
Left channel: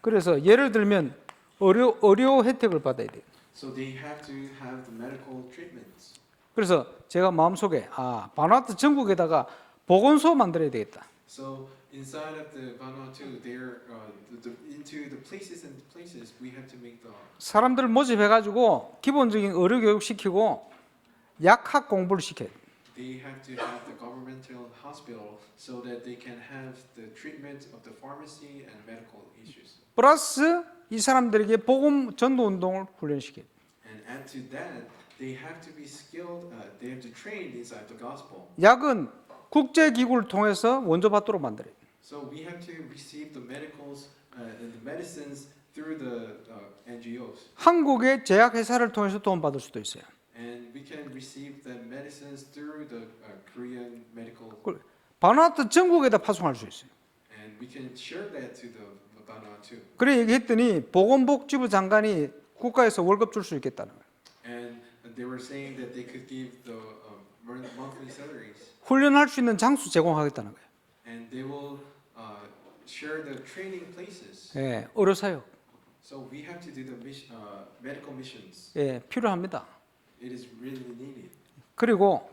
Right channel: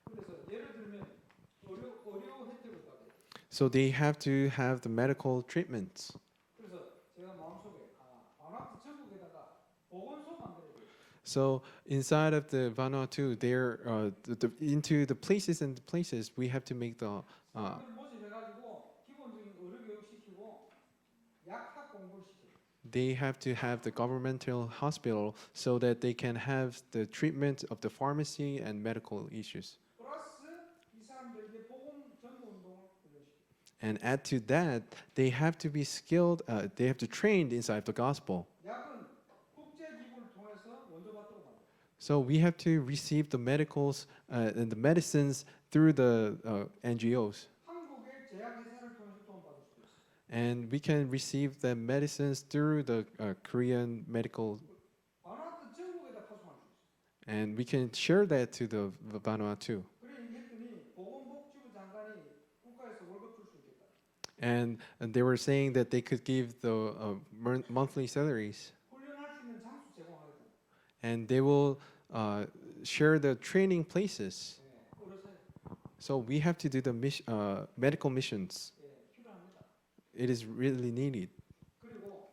그래서 예를 들면 의료 혜택을 받아야 돼요. So they have to have the medical treatments. 그래서 제가 마음속에 바누아투 전국에다가 보건소 만들어야 되겠다. So inside of the Vanuatu, there into the places and the places we have to make the 사람들을 모집해가지고 기본적인 의료 교육 시키고 약학 공부를 시켜요. they have to have the governmental hospital so that they can have the treatment of the pharmacy and medical issues. 플러스 이 사람들에게 복음 전도 운동을 훈련시켜요. And add to that, they have to be skilled. They have to train inside the gospel. 약은 국제 기구를 통해서 원조 받도록 만들어요. So we have to receive the medicals and the medicines through the NGOs, 한국의 제약 회사를 통해서 도움 받을 수도 있어요. and we can receive the medicines through the Korean medical, 바누아투 전국에다 파송할 수 있어요. and we can share that to the Vanuatu. 그래 얘기했더니 보건복지부 장관이 국가에서 월급 줄 수 있겠다는 거예요. And they were saying that they could give the monthly salaries, 훈련할 수 있는 장수 제공하겠다는 거예요. and they will share the training places. 예, 의료 사역, So we have to do the medical missions. 예, 필요합니다. It is really needed, 그리고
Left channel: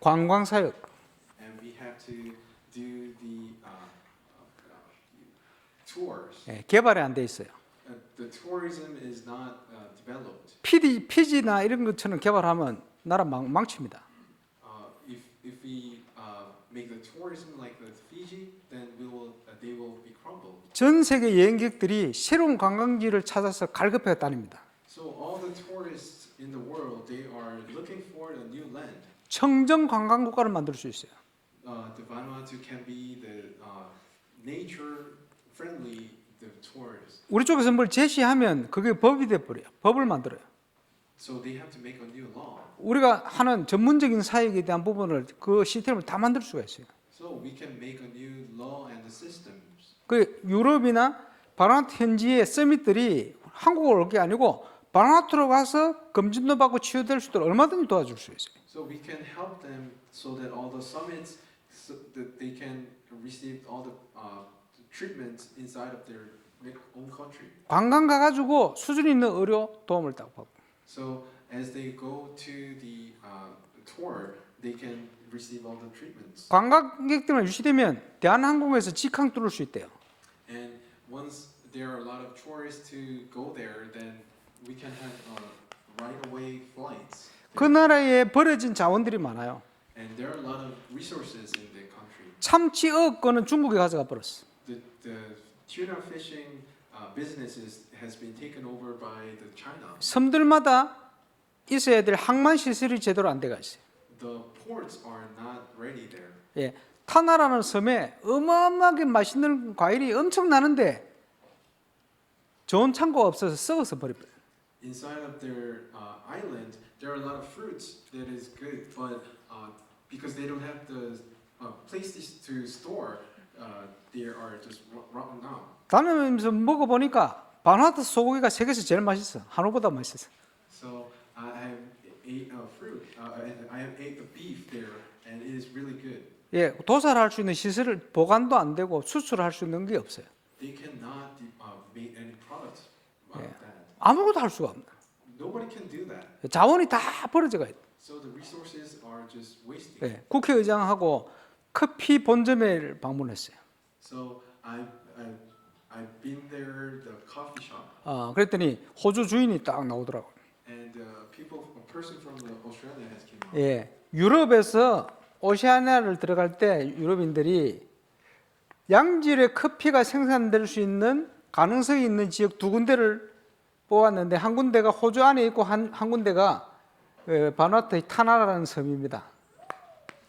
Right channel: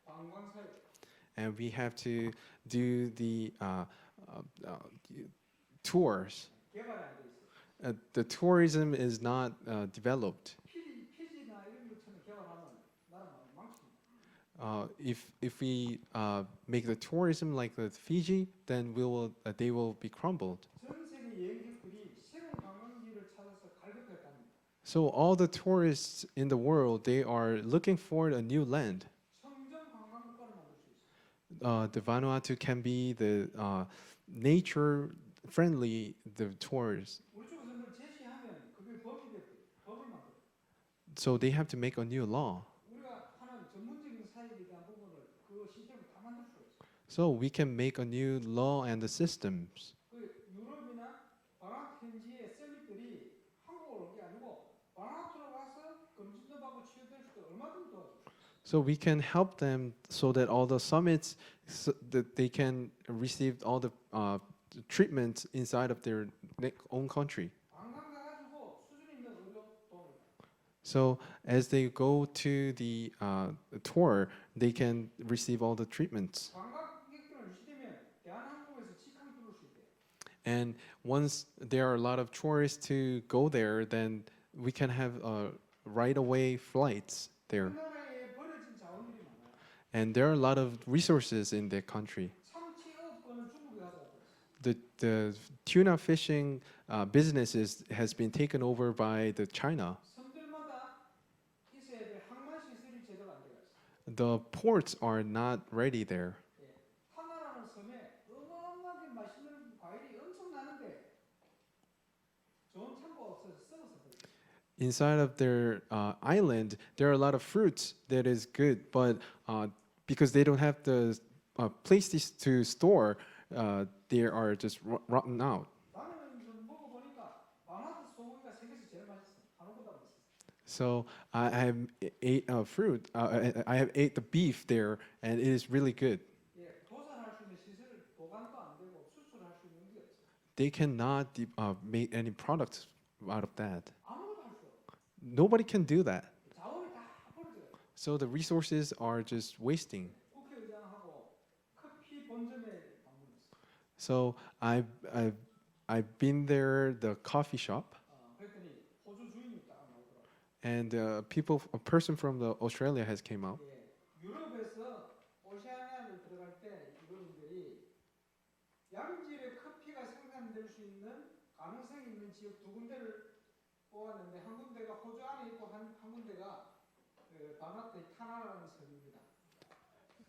관광 사역, and we have to do the tours. 예, 개발이 안 돼 있어요. The tourism is not developed. 피지나 이런 것처럼 개발하면 나라 망칩니다. If we make the tourism like the Fiji, then they will be crumbled. 전 세계 여행객들이 새로운 관광지를 찾아서 갈급해 다닙니다. So all the tourists in the world, they are looking for a new land. 청정 관광 국가를 만들 수 있어요. The Vanuatu can be the nature-friendly the tours. 우리 쪽에서 뭘 제시하면 그게 법이 돼 버려요. 법을 만들어요. So they have to make a new law. 우리가 하는 전문적인 사역에 대한 부분을 그 시스템을 다 만들 수가 있어요. So we can make a new law and the systems. 그 유럽이나 바누아투 현지의 서밋들이 한국을 올 게 아니고 바누아투로 가서 검진도 받고 치유될 수 있도록 얼마든지 도와줄 수 있어요. So we can help them so that all the summits, so that they can receive all the treatment inside of their own country. 관광 가가지고 수준 있는 의료 도움을 딱 받고. So as they go to the tour, they can receive all the treatments. 관광객들만 유치되면 대한항공에서 직항 뚫을 수 있대요. And once there are a lot of tourists to go there, then we can have right-away flights 그 there. 나라에 버려진 자원들이 많아요. And there are a lot of resources in that country. 참치 어업권은 중국에 가져가 버렸어. The tuna fishing businesses has been taken over by the China. 섬들마다 있어야 될 항만 시설이 제대로 안 돼가 있어요. The ports are not ready there. 예, 타나라는 섬에 어마어마하게 맛있는 과일이 엄청 나는데 좋은 창고가 없어서 썩어서 버려버려요. Inside of their island, there are a lot of fruits that is good, but because they don't have the places to store, they are just rotten out. 다니면서 먹어보니까 바누아투 소고기가 세계에서 제일 맛있어. 한우보다 맛있어. So I have ate fruit. I have ate the beef there, and it is really good. 예, 도살할 수 있는 시설을 보관도 안 되고 수출할 수 있는 게 없어요. They cannot make any products out of that. 아무것도 할 수가 없는 거예요. Nobody can do that. 자원이 다 버려져가 있어요. So the resources are just wasting. 예, 국회의장하고 커피 본점에 방문했어요. So I've been there, the coffee shop, 그랬더니 호주 주인이 딱 나오더라고요. and a person from the Australia has came out. 예, 유럽에서 오시아니아를 들어갈 때 유럽인들이 양질의 커피가 생산될 수 있는 가능성이 있는 지역 두 군데를 뽑았는데 한 군데가 호주 안에 있고 한 군데가 바누아투의 타나라는 섬입니다.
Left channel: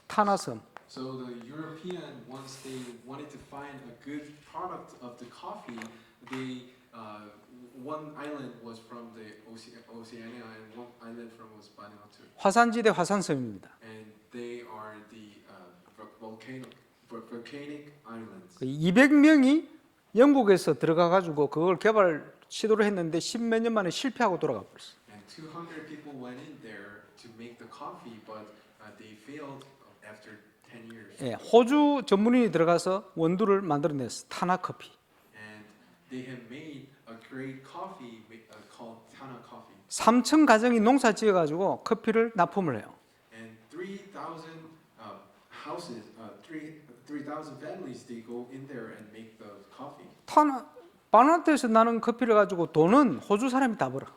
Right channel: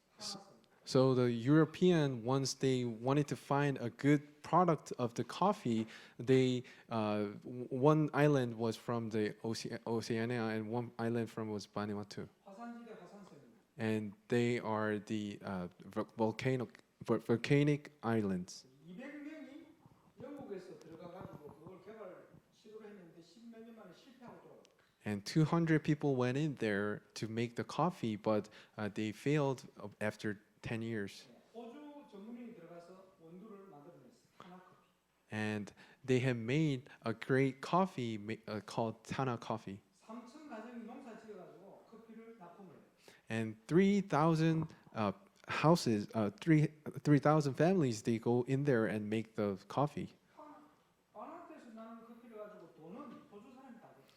타나섬. So the European, once they wanted to find a good product of the coffee, they one island was from the Oceania and one island from was Vanuatu, 화산지대 화산섬입니다. and they are the volcanic islands. 200명이 영국에서 들어가 가지고 그걸 개발 시도를 했는데 10몇 년 만에 실패하고 돌아가 버렸어요. And 200 people went in there to make the coffee, but they failed after 10 years. 예, 호주 전문인이 들어가서 원두를 만들어냈어. 타나 커피. And they have made a great coffee called Tana coffee. 3천 가정이 농사 지어 가지고 커피를 납품을 해요. And 3,000 houses, 3,000 families, they go in there and make the coffee. 바누아투에서 나는 커피를 가지고 돈은 호주 사람이 다 벌어.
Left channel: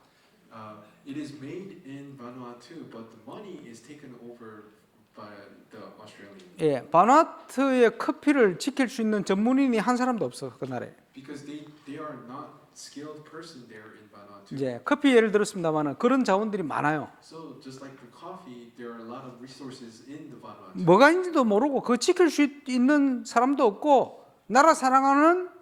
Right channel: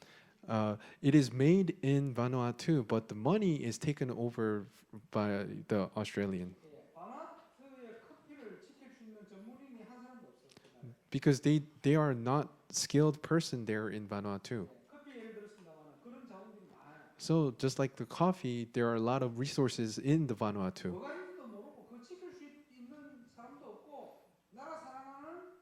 It is made in Vanuatu, but the money is taken over by the Australian 예, 바누아투의 커피를 지킬 수 있는 전문인이 한 사람도 없어 그 나라에. because they are not skilled person there in Vanuatu. 이제 커피 예를 들었습니다만은 그런 자원들이 많아요. So just like the coffee, there are a lot of resources in the Vanuatu. 뭐가 있는지도 모르고 그 지킬 수 있는 사람도 없고 나라 사랑하는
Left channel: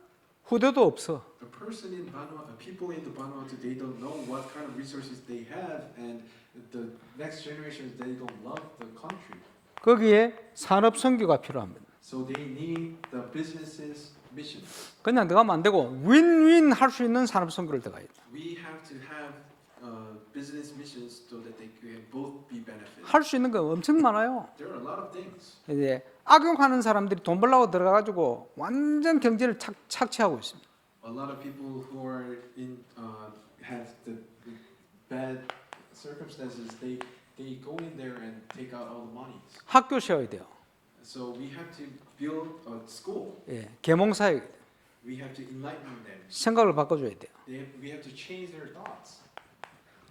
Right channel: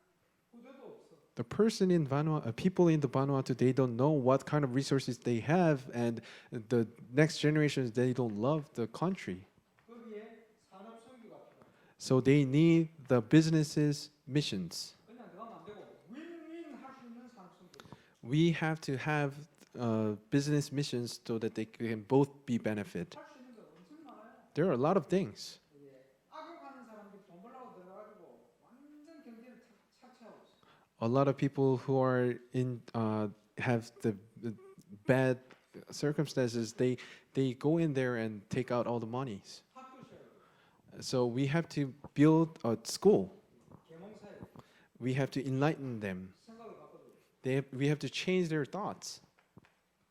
후대도 없어. The person in Vanuatu, people in the Vanuatu, they don't know what kind of resources they have, and the next generations they don't love the country. 거기에 산업 선교가 필요합니다. So they need the businesses missions. 그냥 들어가면 안 되고 윈윈 할 수 있는 산업 선교를 들어가야 돼. We have to have business missions so that they can both be benefit. 할 수 있는 거 엄청 많아요. There are a lot of things. 이제 악용하는 사람들이 돈 벌려고 들어가가지고 완전 경제를 착취하고 있습니다. A lot of people who are in have the bad circumstances. They go in there and take out all the monies. 학교 세워야 돼요. So we have to build a school. 예, 계몽사회 We have to enlighten them. 생각을 바꿔줘야 돼요. We have to change their thoughts.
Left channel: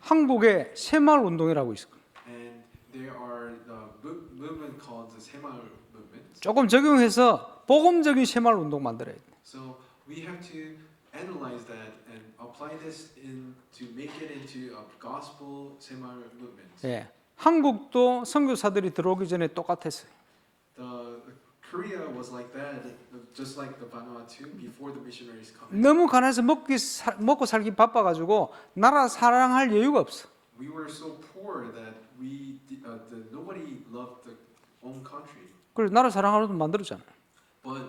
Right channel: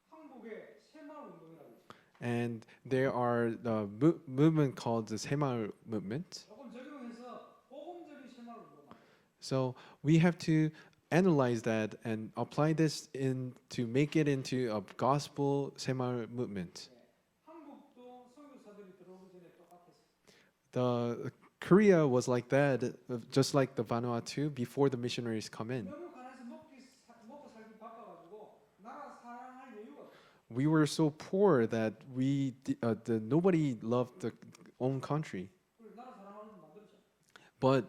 한국에 새마을 운동이라고 있어요. And there are the movement called the Semaul movement. 조금 적용해서 복음적인 새마을 운동 만들어야 돼요. So we have to analyze that and apply this in to make it into a gospel Semaul movement. 예, 한국도 선교사들이 들어오기 전에 똑같았어요. The Korea was like that, just like the Vanuatu before the missionaries come in. 너무 가난해서 먹고 살기 바빠가지고 나라 사랑할 여유가 없어. We were so poor that nobody loved their own country. 그래서 나라 사랑하려고 만들었잖아요. But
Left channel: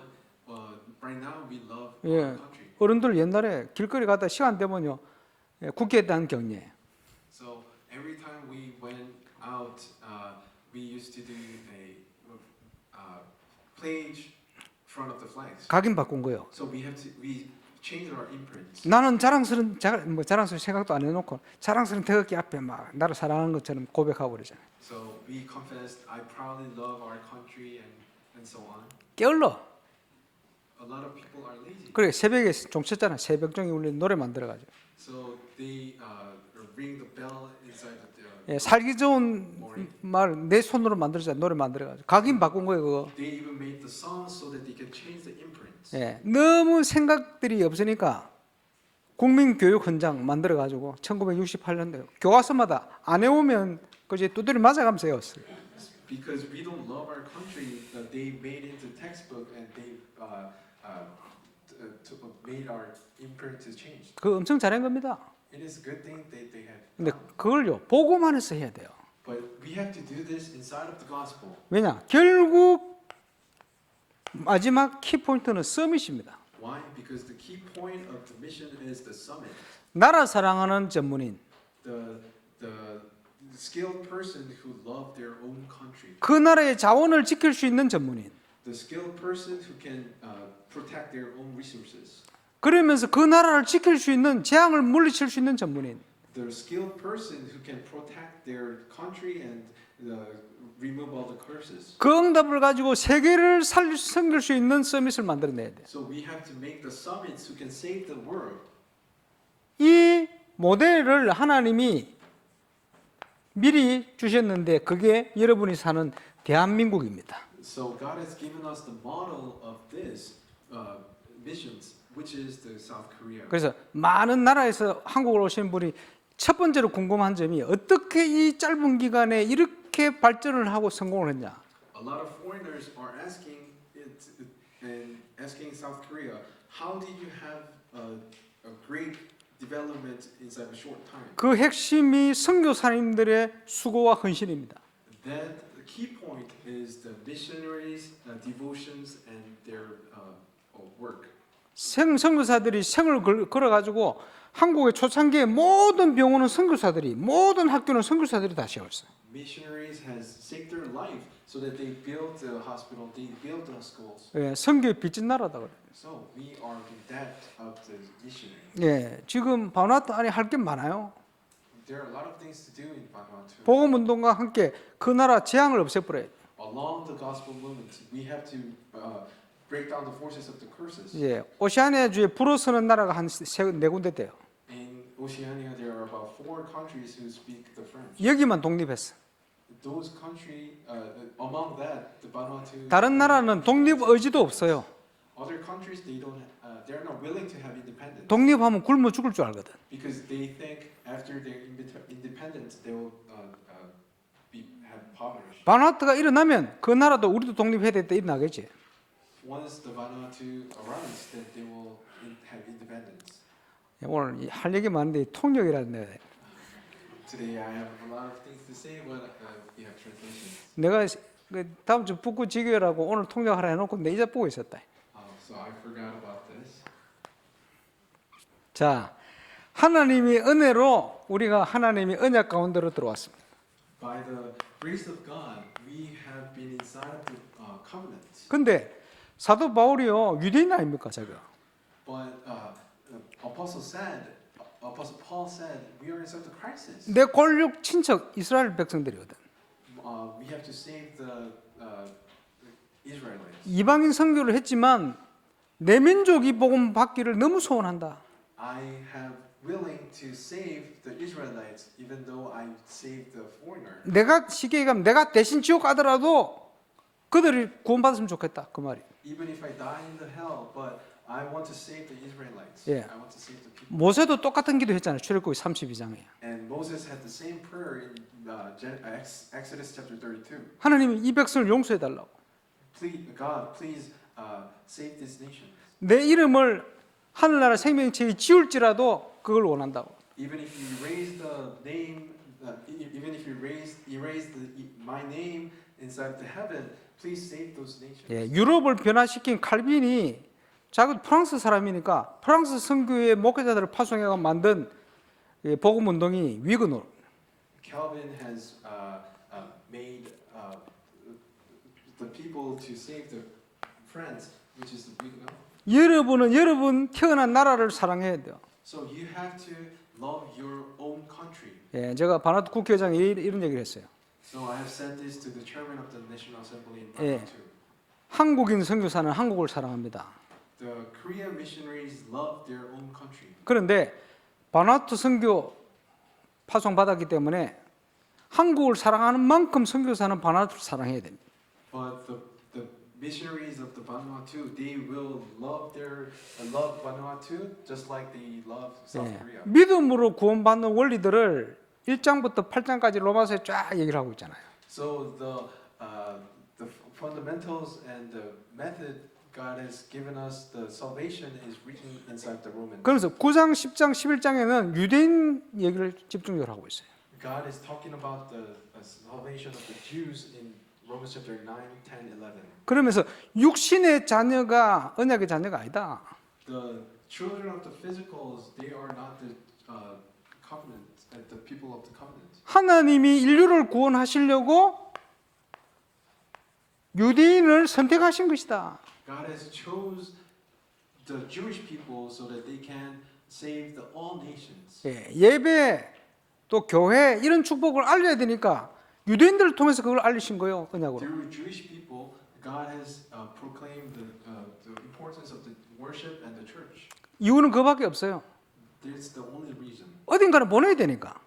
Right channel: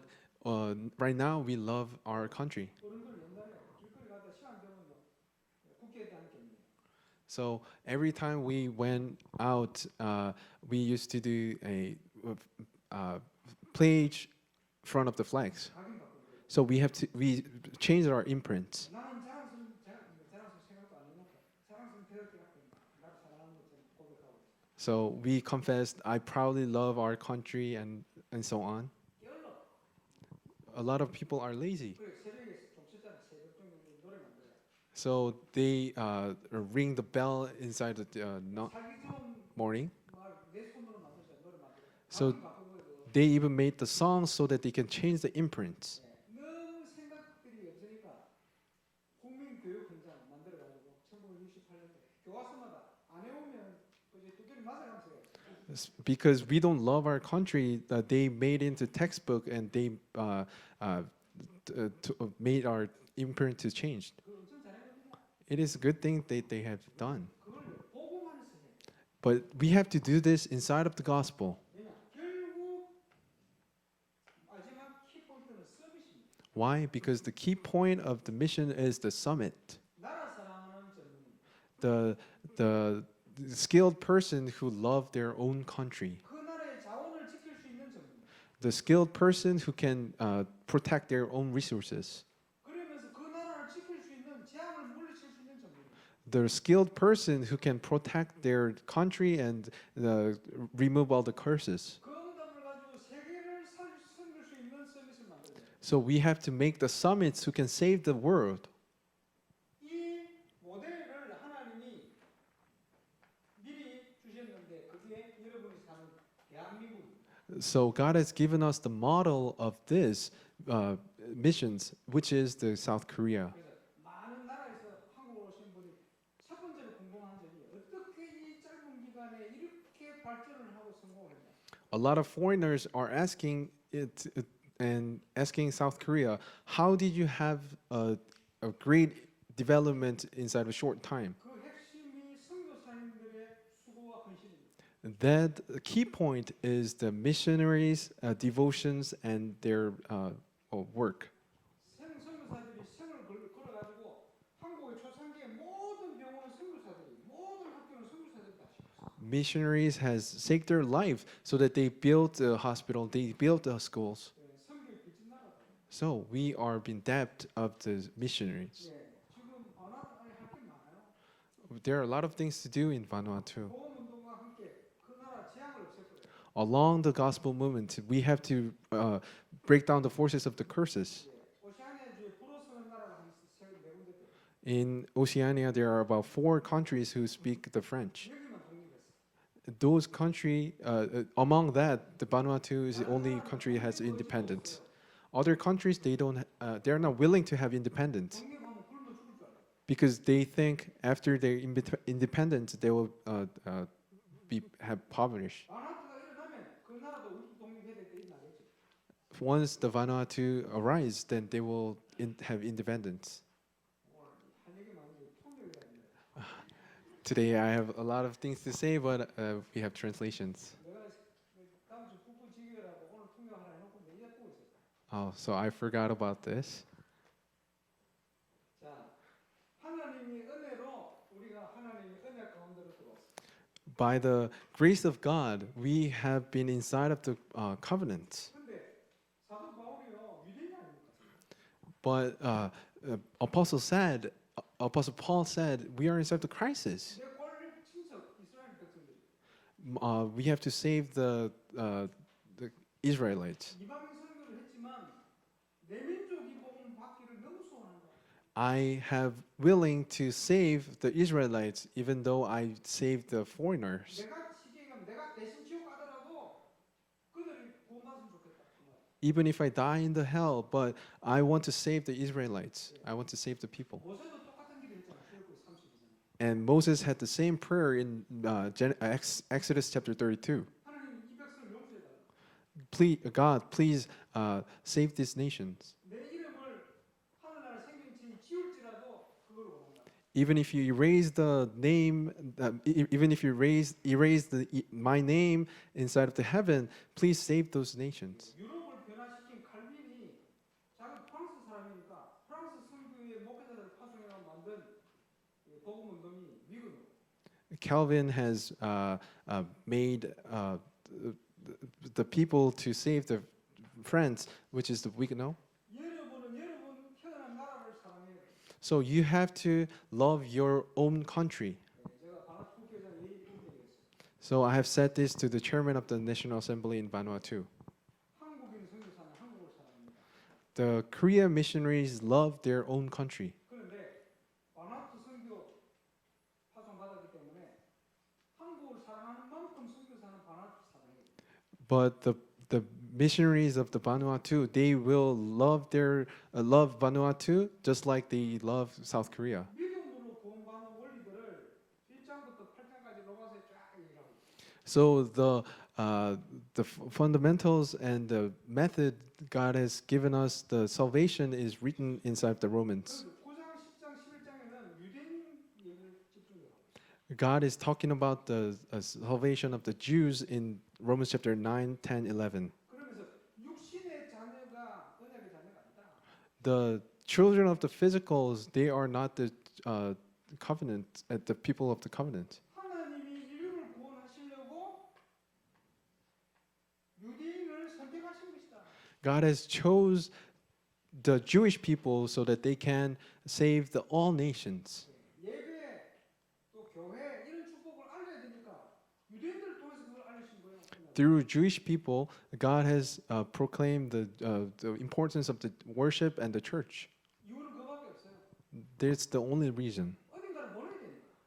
right now we love our 예, country. 어른들 옛날에 길거리 가다 시간 되면요 예, 국회에 대한 경례. So every time we went out, we used to do a pledge in front of the flags. 각인 바꾼 거예요. So we changed our imprints. 나는 자랑스러운 생각도 안 해놓고 자랑스러운 태극기 앞에 막 나를 사랑하는 것처럼 고백하고 그러잖아요. So we confessed, I proudly love our country and so on. 게을러. A lot of people are lazy. 그래 새벽에 종쳤잖아. 새벽종이 울리는 노래 만들어가지고. So they ring the bell inside the 예, 살기 좋은 morning. 말 내 손으로 만들자 노래 만들어가지고 각인 바꾼 거예요 그거. They even made the songs so that they can change the imprints. 예, 너무 생각들이 없으니까 국민교육 헌장 만들어가지고 1968년도에 교과서마다 안 해오면 그제 두드려 맞아가면서 외웠어요. Because we don't love our country, they made into textbook and they made our imprint to change. 그거 엄청 잘한 겁니다. It is a good thing that they have 근데 done. 그걸요 보고만 해서 해야 돼요. But we have to do this inside of the gospel. 왜냐? 결국 마지막 키포인트는 서밋입니다. Why? Because the key point of the mission is the summit. 나라 사랑하는 전문인. The skilled person who love their own country. 그 나라의 자원을 지킬 수 있는 전문인. The skilled person who can protect their own resources. 그러면서 그 나라를 지킬 수 있는 재앙을 물리칠 수 있는 전문인. The skilled person who can protect their country and remove all the curses. 그 응답을 가지고 세계를 섬길 수 있는 서밋을 만들어내야 돼. So we have to make the summits who can save the world. 이 모델을 하나님이 미리 주셨는데 그게 여러분이 사는 대한민국입니다. So God has given us the model of this missions, which is the South Korea. 그래서 많은 나라에서 한국을 오신 분이 첫 번째로 궁금한 점이 어떻게 이 짧은 기간에 이렇게 발전을 하고 성공을 했냐? A lot of foreigners are asking it and asking South Korea, how did you have a great development inside a short time? 그 핵심이 선교사님들의 수고와 헌신입니다. That key point is the missionaries' devotions and their work. 선교사들이 생을 걸어가지고 한국의 초창기에 모든 병원은 선교사들이, 모든 학교는 선교사들이 다 세웠어. Missionaries has saved their life so that they built a hospital, they built the schools. 예, 선교의 빚진 나라다 그래. So we are in debt of the missionaries. 예, 지금 바누아투 안에 할 게 많아요. There are a lot of things to do in Vanuatu. 복음 운동과 함께 그 나라 재앙을 없애버려요. along the gospel movement, we have to break down the forces of the curses. 예, 오시아니아주에 불어 서는 나라가 한 네 군데 돼요. In Oceania, there are about 4 countries who speak the French. 여기만 독립했어. Those country, among that, the Vanuatu. is the 다른 only 나라는 country that 독립 has 의지도 independence. 없어요. Other countries, they're not willing to have independence 독립하면 굶어 죽을 줄 알거든. because they think after their independence, they will have poverty. 바누아투가 일어나면 그 나라도 우리도 독립해야 될 때 일어나겠지. Once the Vanuatu arise, then they will have independence. 오늘 할 얘기 많은데 통역이라는 Today, I have a lot of things to say, but we have translations. 내가 그 다음 주 북구 지교라고 오늘 통역하라 해놓고 내 이제 보고 있었다. So I forgot about this. 자, 하나님의 은혜로 우리가 하나님의 언약 가운데로 들어왔습니다. By the grace of God, we have been inside of the covenant. 근데 사도 바울이요 유대인 아닙니까 자기가? But Apostle Paul said, we are inside the crisis. 내 골육 친척 이스라엘 백성들이거든. We have to save the Israelites. 이방인 선교를 했지만 내 민족이 복음 받기를 너무 소원한다. I have willing to save the Israelites, even though I saved the foreigner. 내가 쉽게 얘기하면 내가 대신 지옥 가더라도 그들이 구원받았으면 좋겠다 그 말이. Even if I die in the hell, but I want to save the Israelites. Yeah. I want to save the people. 모세도 똑같은 기도했잖아요. 출애굽기 32장에. And Moses had the same prayer in Exodus chapter 32. 하나님이 이 백성을 용서해 달라고. God, please save these nations. 내 이름을 하늘나라 생명체에 지울지라도 그걸 원한다고. Even if you erase the name, even if you erase my name inside of the heaven, please save those nations. 예, 유럽을 변화시킨 칼빈이 자기 프랑스 사람이니까 프랑스 선교의 목회자들을 파송해가 만든 복음 운동이 위그노. Calvin has made the people to save the France, which is the Huguenot. 여러분은 여러분 태어난 나라를 사랑해야 돼요. So you have to love your own country. 예, 제가 바나투 국회의장에 이런 얘기를 했어요. So I have said this to the chairman of the National Assembly in Vanuatu. 한국인 선교사는 한국을 사랑합니다. The Korean missionaries love their own country. 그런데 바나투 선교 파송 받았기 때문에 한국을 사랑하는 만큼 선교사는 바나투를 사랑해야 됩니다. But the missionaries of the Vanuatu, they will love love Vanuatu just like they love South Korea. 믿음으로 구원받는 원리들을 1장부터 8장까지 로마서에 쫙 얘기를 하고 있잖아요. So the fundamentals and the method God has given us, the salvation is written inside the Romans. 그래서 9장, 10장, 11장에는 유대인 얘기를 집중적으로 하고 있어요. God is talking about the salvation of the Jews in Romans chapter 9, 10, 11. 그러면서 육신의 자녀가 언약의 자녀가 아니다. The children of the physicals, they are not the covenant, the people of the covenant. 하나님이 인류를 구원하시려고 유대인을 선택하신 것이다. God has chose the Jewish people so that they can save all nations. 예배 또 교회 이런 축복을 알려야 되니까 유대인들을 통해서 그걸 알리신 거예요. 언약으로. Through Jewish people, God has proclaimed the importance of the worship and the church. 이유는 그밖에 없어요. That's the only reason. 어딘가를 보내야 되니까.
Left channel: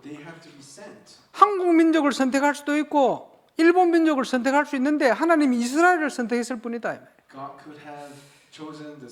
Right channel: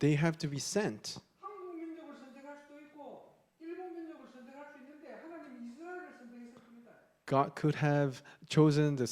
They have to be sent. 한국 민족을 선택할 수도 있고 일본 민족을 선택할 수 있는데 하나님이 이스라엘을 선택했을 뿐이다. God could have chosen the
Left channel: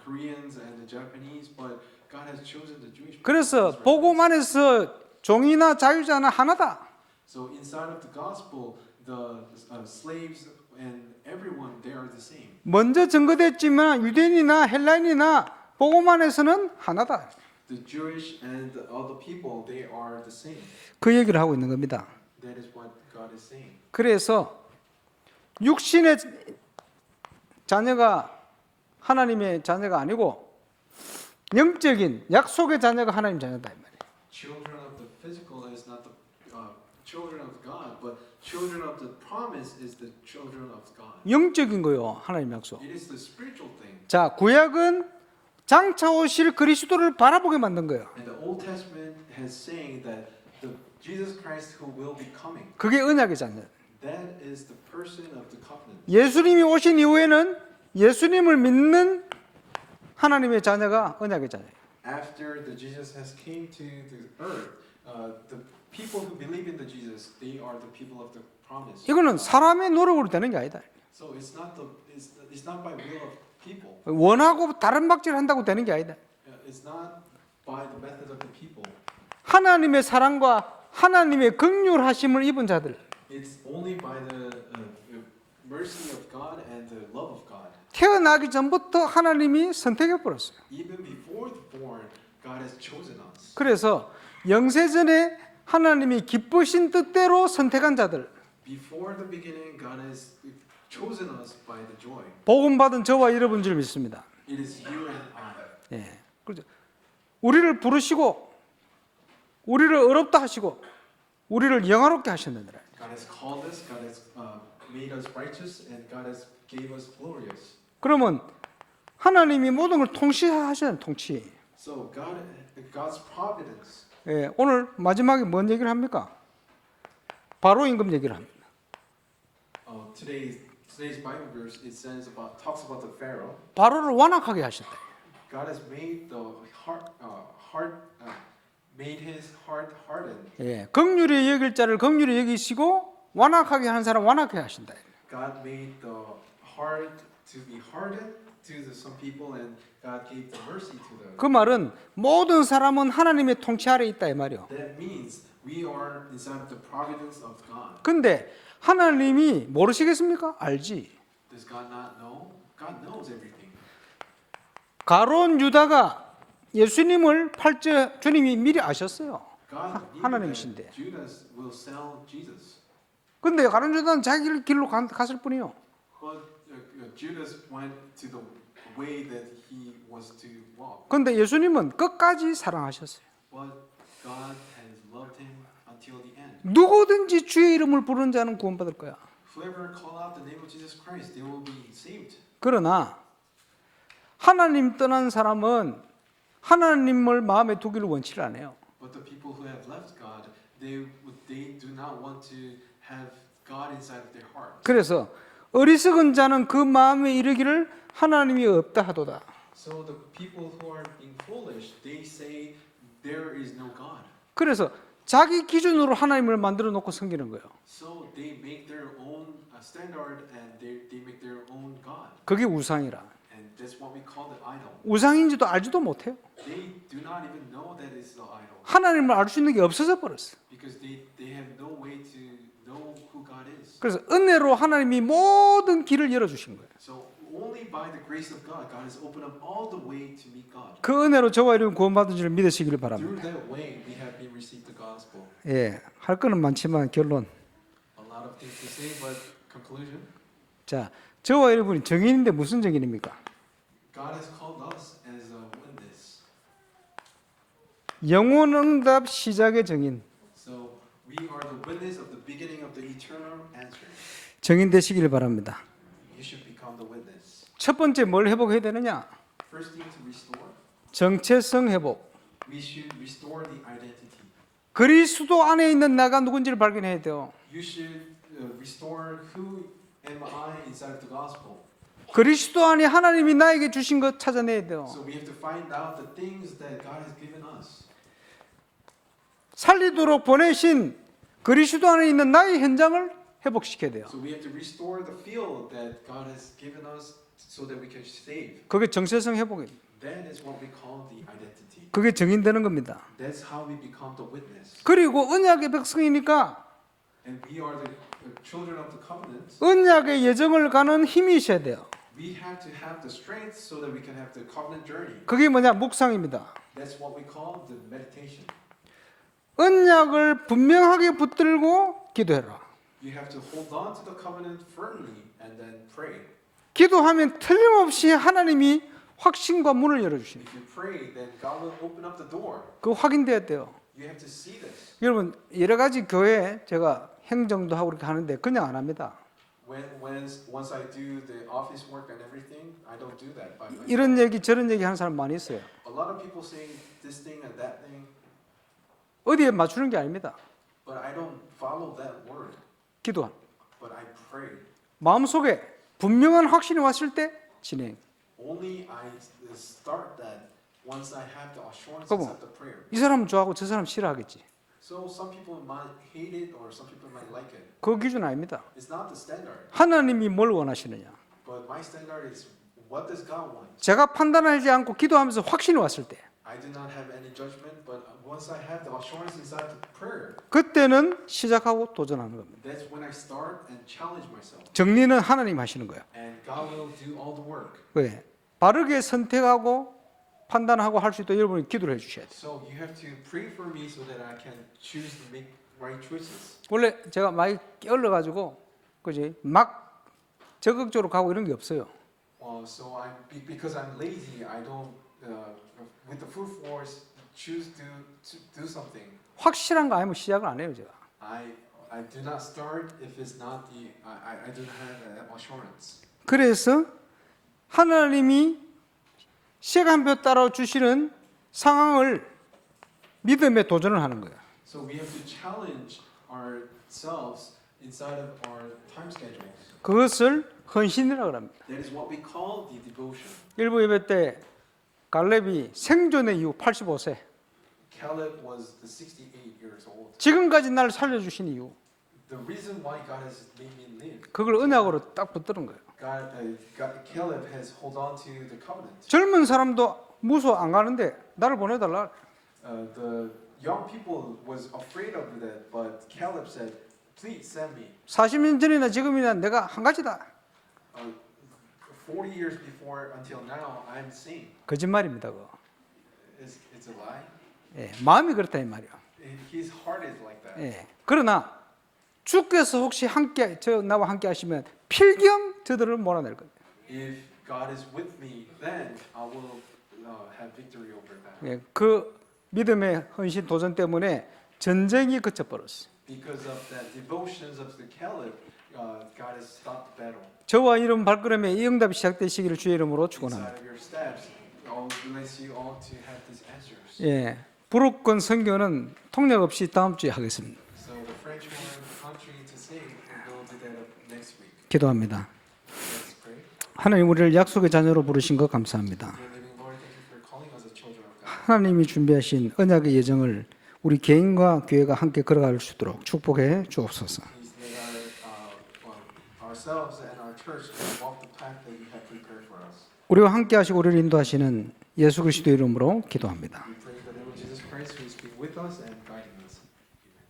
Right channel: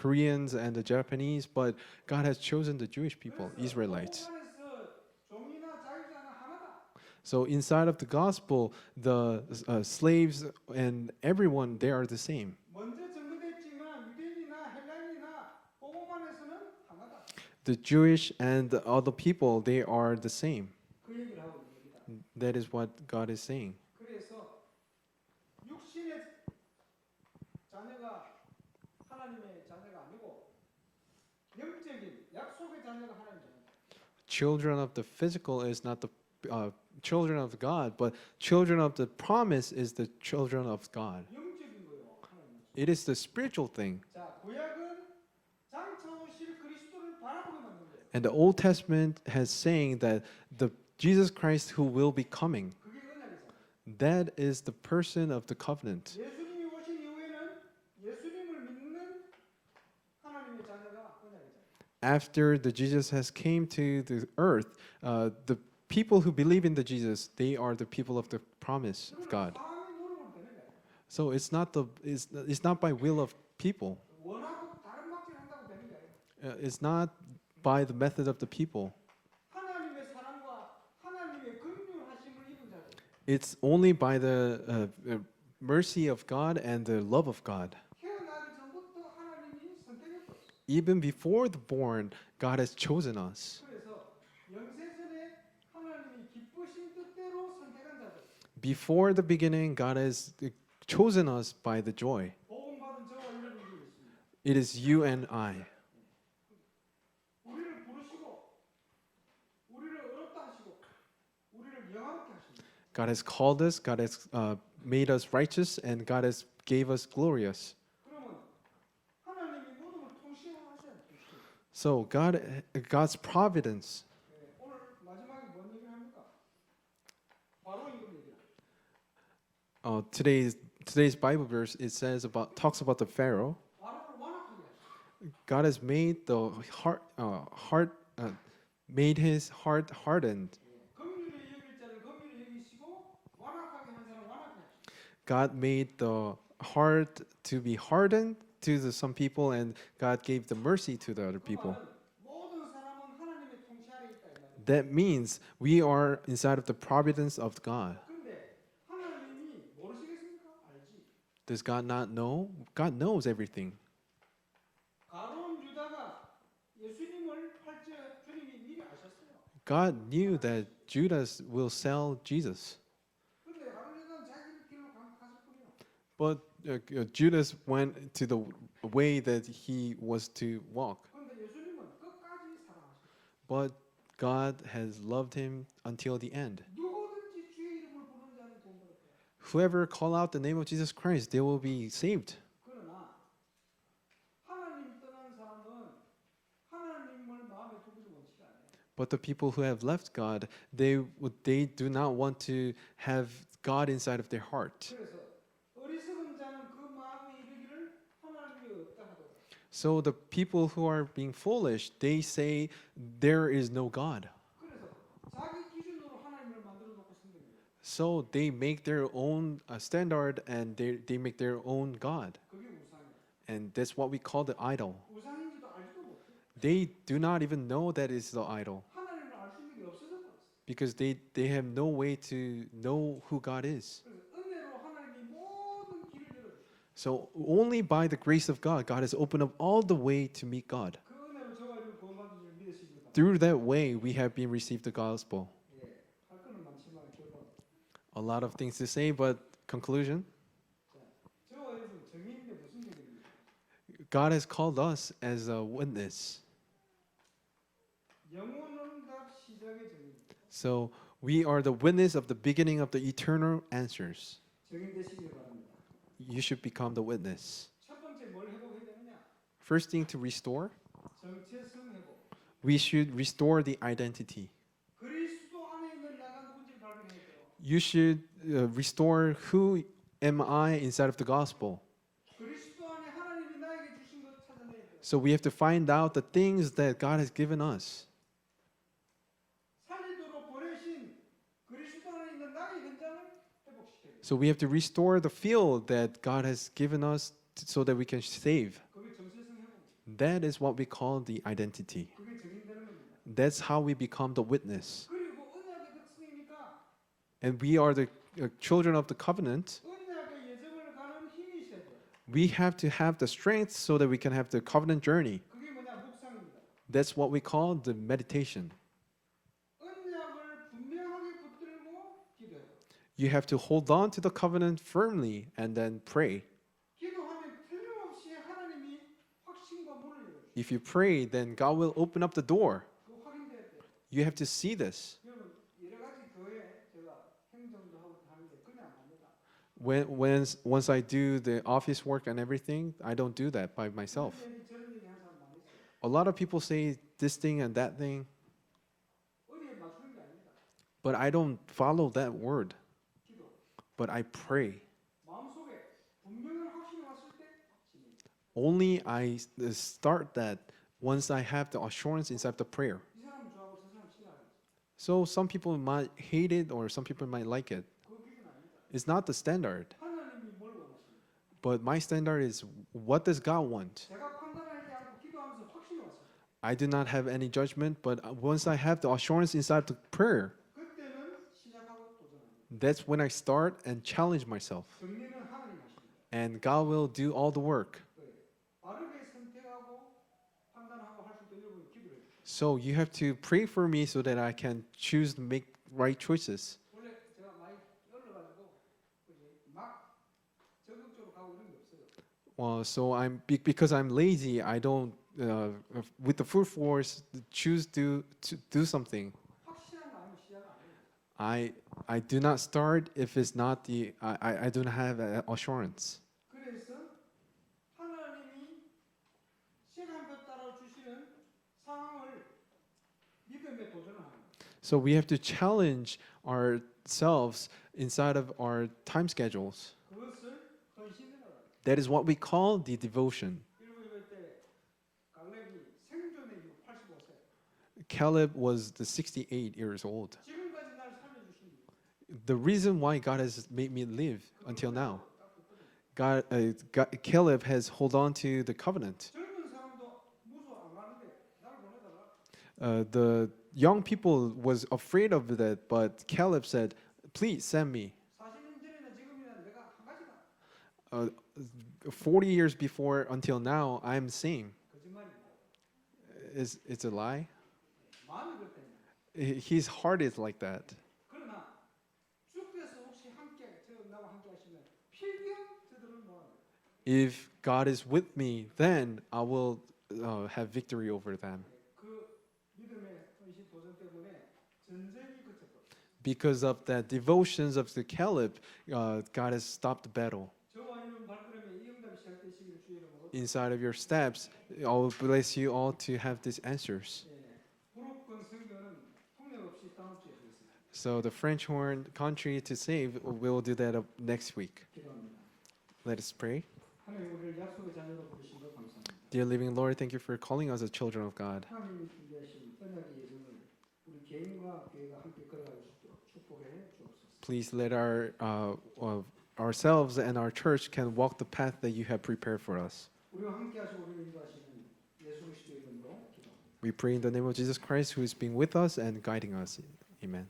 Koreans and the Japanese, but God has chosen the Jewish people. 그래서 Israelites. 복음 안에서 종이나 자유자나 하나다. So inside of the gospel, the slaves and everyone, they are the same. 먼저 증거됐지만 유대인이나 헬라인이나 복음 안에서는 하나다. The Jewish and the other people, they are the same. 그 얘기를 하고 있는 겁니다. That is what God is saying. 그래서 육신의 자녀가 하나님의 자녀가 아니고 영적인 약속의 자녀가 하나님 자녀다 이 말이에요. Children of the physical is not the children of God, but children of the promise is the children of God. 영적인 거요, 하나님 약속. It is the spiritual thing. 자, 구약은 장차 오실 그리스도를 바라보게 만든 거예요. And the Old Testament has saying that the Jesus Christ who will be coming, 그게 언약의 자녀. That is the person of the covenant. 예수님이 오신 이후에는 예수님을 믿는 하나님의 자녀가 언약의 자녀예요. After the Jesus has came to the earth, the people who believe in the Jesus, they are the people of the promise. 이거는 God. 사람의 노력으로 되는 게 아니다. So it's not by will of people. 원하고 다른 박질을 한다고 되는 게 아니다. It's not by the method of the people. 하나님의 사랑과 하나님의 긍휼하심을 입은 자들. It's only by the mercy of God and the love of God. 태어나기 전부터 하나님이 선택해 버렸어요. Even before the born, God has chosen us. 그래서 영세전에 하나님이 기쁘신 뜻대로 선택한 자들, Before the beginning, God has chosen us by the joy. 복음 받은 저와 여러분 줄 믿습니다. It is you and I. 예, 그렇죠. 우리를 부르시고, 우리를 어렵다 하시고, 우리를 영화롭게 하셨느니라. God has called us. God has made us righteous, and God has gave us glorious. 그러면 하나님이 모든 걸 통치하시는 통치. So God's providence. 예, 오늘 마지막에 뭔 얘기를 합니까? 바로 임금 얘기를 합니다. Today's Bible verse talks about the Pharaoh. 바로를 완악하게 하신다. God has made made his heart hardened. 예, 긍휼히 여길 자를 긍휼히 여기시고 완악하게 하는 사람 완악하게 하신다. God made the heart to be hardened to some people, and God gave the mercy to the other 그 people. 말은 모든 사람은 하나님의 통치 아래 있다 이 말이요. That means we are inside of the providence of God. 근데 하나님이 모르시겠습니까? 알지. Does God not know? God knows everything. 가론 유다가 예수님을 팔자 주님이 미리 아셨어요. God knew 하나님이신데. that Judas will sell Jesus. 근데 가론 유다는 자기 길로 갔을 뿐이요. But Judas went to the way that he was to walk. 근데 예수님은 끝까지 사랑하셨어요. But God has loved him until the end. 누구든지 주의 이름을 부르는 자는 구원받을 거야. Whoever call out the name of Jesus Christ, they will be saved. 그러나 하나님 떠난 사람은 하나님을 마음에 두기를 원치를 않아요. But the people who have left God, they do not want to have God inside of their heart. 그래서 어리석은 자는 그 마음에 이르기를 하나님이 없다 하도다. So the people who are being foolish, they say there is no God. 그래서 자기 기준으로 하나님을 만들어 놓고 섬기는 거예요. So they make their own standard, and they make their own God. 그게 우상이라. And that's what we call the idol. 우상인지도 알지도 못해요. They do not even know that it's the idol. 하나님을 알 수 있는 게 없어져 버렸어. Because they have no way to know who God is. 그래서 은혜로 하나님이 모든 길을 열어 주신 거예요. So only by the grace of God, God has opened up all the way to meet God. 그 은혜로 저와 여러분 구원받은 줄 믿으시기를 바랍니다. Through that way, we have been received the gospel. 예, 할 거는 많지만 결론. A lot of things to say, but conclusion. 자, 저와 여러분이 증인인데 무슨 증인입니까? God has called us as a witness. 영원 응답 시작의 증인. So we are the witness of the beginning of the eternal answers. 증인 되시기를 바랍니다. You should become the witness. 첫 번째 뭘 회복해야 되느냐? First thing to restore, 정체성 회복. we should restore the identity. 그리스도 안에 있는 나가 누군지를 발견해야 돼요. You should restore who am I inside of the gospel. 그리스도 안에 하나님이 나에게 주신 것 찾아내야 돼요. So we have to find out the things that God has given us. 살리도록 보내신 그리스도 안에 있는 나의 현장을 회복시켜야 돼요. So we have to restore the field that God has given us so that we can save. 그게 정체성 회복이에요. That is what we call the identity. 그게 증인되는 겁니다. That's how we become the witness. 그리고 언약의 백성이니까 And we are the children of the covenant. 언약의 예정을 가는 힘이 있어야 돼요. We have to have the strength so that we can have the covenant journey. 그게 뭐냐? 묵상입니다. That's what we call the meditation. 언약을 분명하게 붙들고 기도해라. You have to hold on to the covenant firmly and then pray. 기도하면 틀림없이 하나님이 확신과 문을 열어주십니다. If you pray, then God will open up the door. 그거 확인돼야 돼요. You have to see this. 여러분 여러 가지 교회 제가 행정도 하고 이렇게 하는데 그냥 안 합니다. Once I do the office work and everything, I don't do that by myself. 이런 얘기 저런 얘기 하는 사람 많이 있어요. A lot of people say this thing and that thing, 어디에 맞추는 게 아닙니다. but I don't follow that word. 기도. but I pray. 마음속에 분명한 확신이 왔을 때 진행. Only I start that once I have the assurance 그거. inside the prayer. 이 사람 좋아하고 저 사람 싫어하겠지. So some people might hate it or some people might like it. 그 기준 아닙니다. It's not the standard. 하나님이 뭘 원하시느냐. But my standard is what does God want? 제가 판단하지 않고 기도하면서 확신이 왔을 때 I do not have any judgment, but once I have the assurance inside the prayer, 그때는 시작하고 도전하는 겁니다. that's when I start and challenge myself. 정리는 하나님 하시는 거예요. And God will do all the work. 왜? 바르게 선택하고 판단하고 할 수 있도록 여러분이 기도를 해주셔야 돼요. So you have to pray for me so that I can choose to make right choices. 원래 제가 많이 게을러가지고 그지 막 적극적으로 가고 이런 게 없어요. So because I'm lazy, I don't with the full force choose to do something. 확실한 거 아니면 시작을 안 해요 제가. I do not start if it's not the I do not have an assurance. 그래서 하나님이 시간표 따라 주시는 상황을 믿음에 도전을 하는 거예요. So we have to challenge ourselves inside of our time schedules. 그것을 헌신이라고 합니다. That is what we call the devotion. 일부 예배 때 갈렙이 생존의 이유 85세. Caleb was the 68 years old. 지금까지 날 살려주신 이유. The reason why God has made me live. 그걸 until now, 언약으로 딱 붙드는 거예요. Caleb has hold on to the covenant. 젊은 사람도 무서워 안 가는데 나를 보내달라. The young people was afraid of that, but Caleb said, "Please send me." 40년 전이나 지금이나 내가 한 가지다. 40 years before until now, I am same. 거짓말입니다. 그거. It's a lie. 예, 마음이 그렇다 이 말이야. His heart is like that. 예, 그러나 주께서 혹시 함께 나와 함께 하시면 필경 저들을 몰아낼 겁니다. If God is with me, then I will have victory over them. 예, 그 믿음의 헌신 도전 때문에 전쟁이 그쳐버렸어요. Because of that devotions of the Caleb, God has stopped the battle. 저와 이런 발걸음에 이 응답이 시작되시기를 주의 이름으로 Inside 축원합니다. of your steps, I will bless you all to have these answers. 예, 부록권 선교는 통역 없이 다음 주에 하겠습니다. So the French horn country to save, we'll do that next week. 기도합니다. Let us pray. 하나님 우리를 약속의 자녀로 부르신 것 감사합니다. Dear living Lord, thank you for calling us as children of God. 하나님이 준비하신 언약의 예정을 우리 개인과 교회가 함께 걸어갈 수 있도록 축복해 주옵소서. Please let ourselves and our church can walk the path that you have prepared for us. 우리와 함께 하시고 우리를 인도하시는 예수 그리스도 이름으로 기도합니다. We pray in the name of Jesus Christ, who is being with us and guiding us. Amen.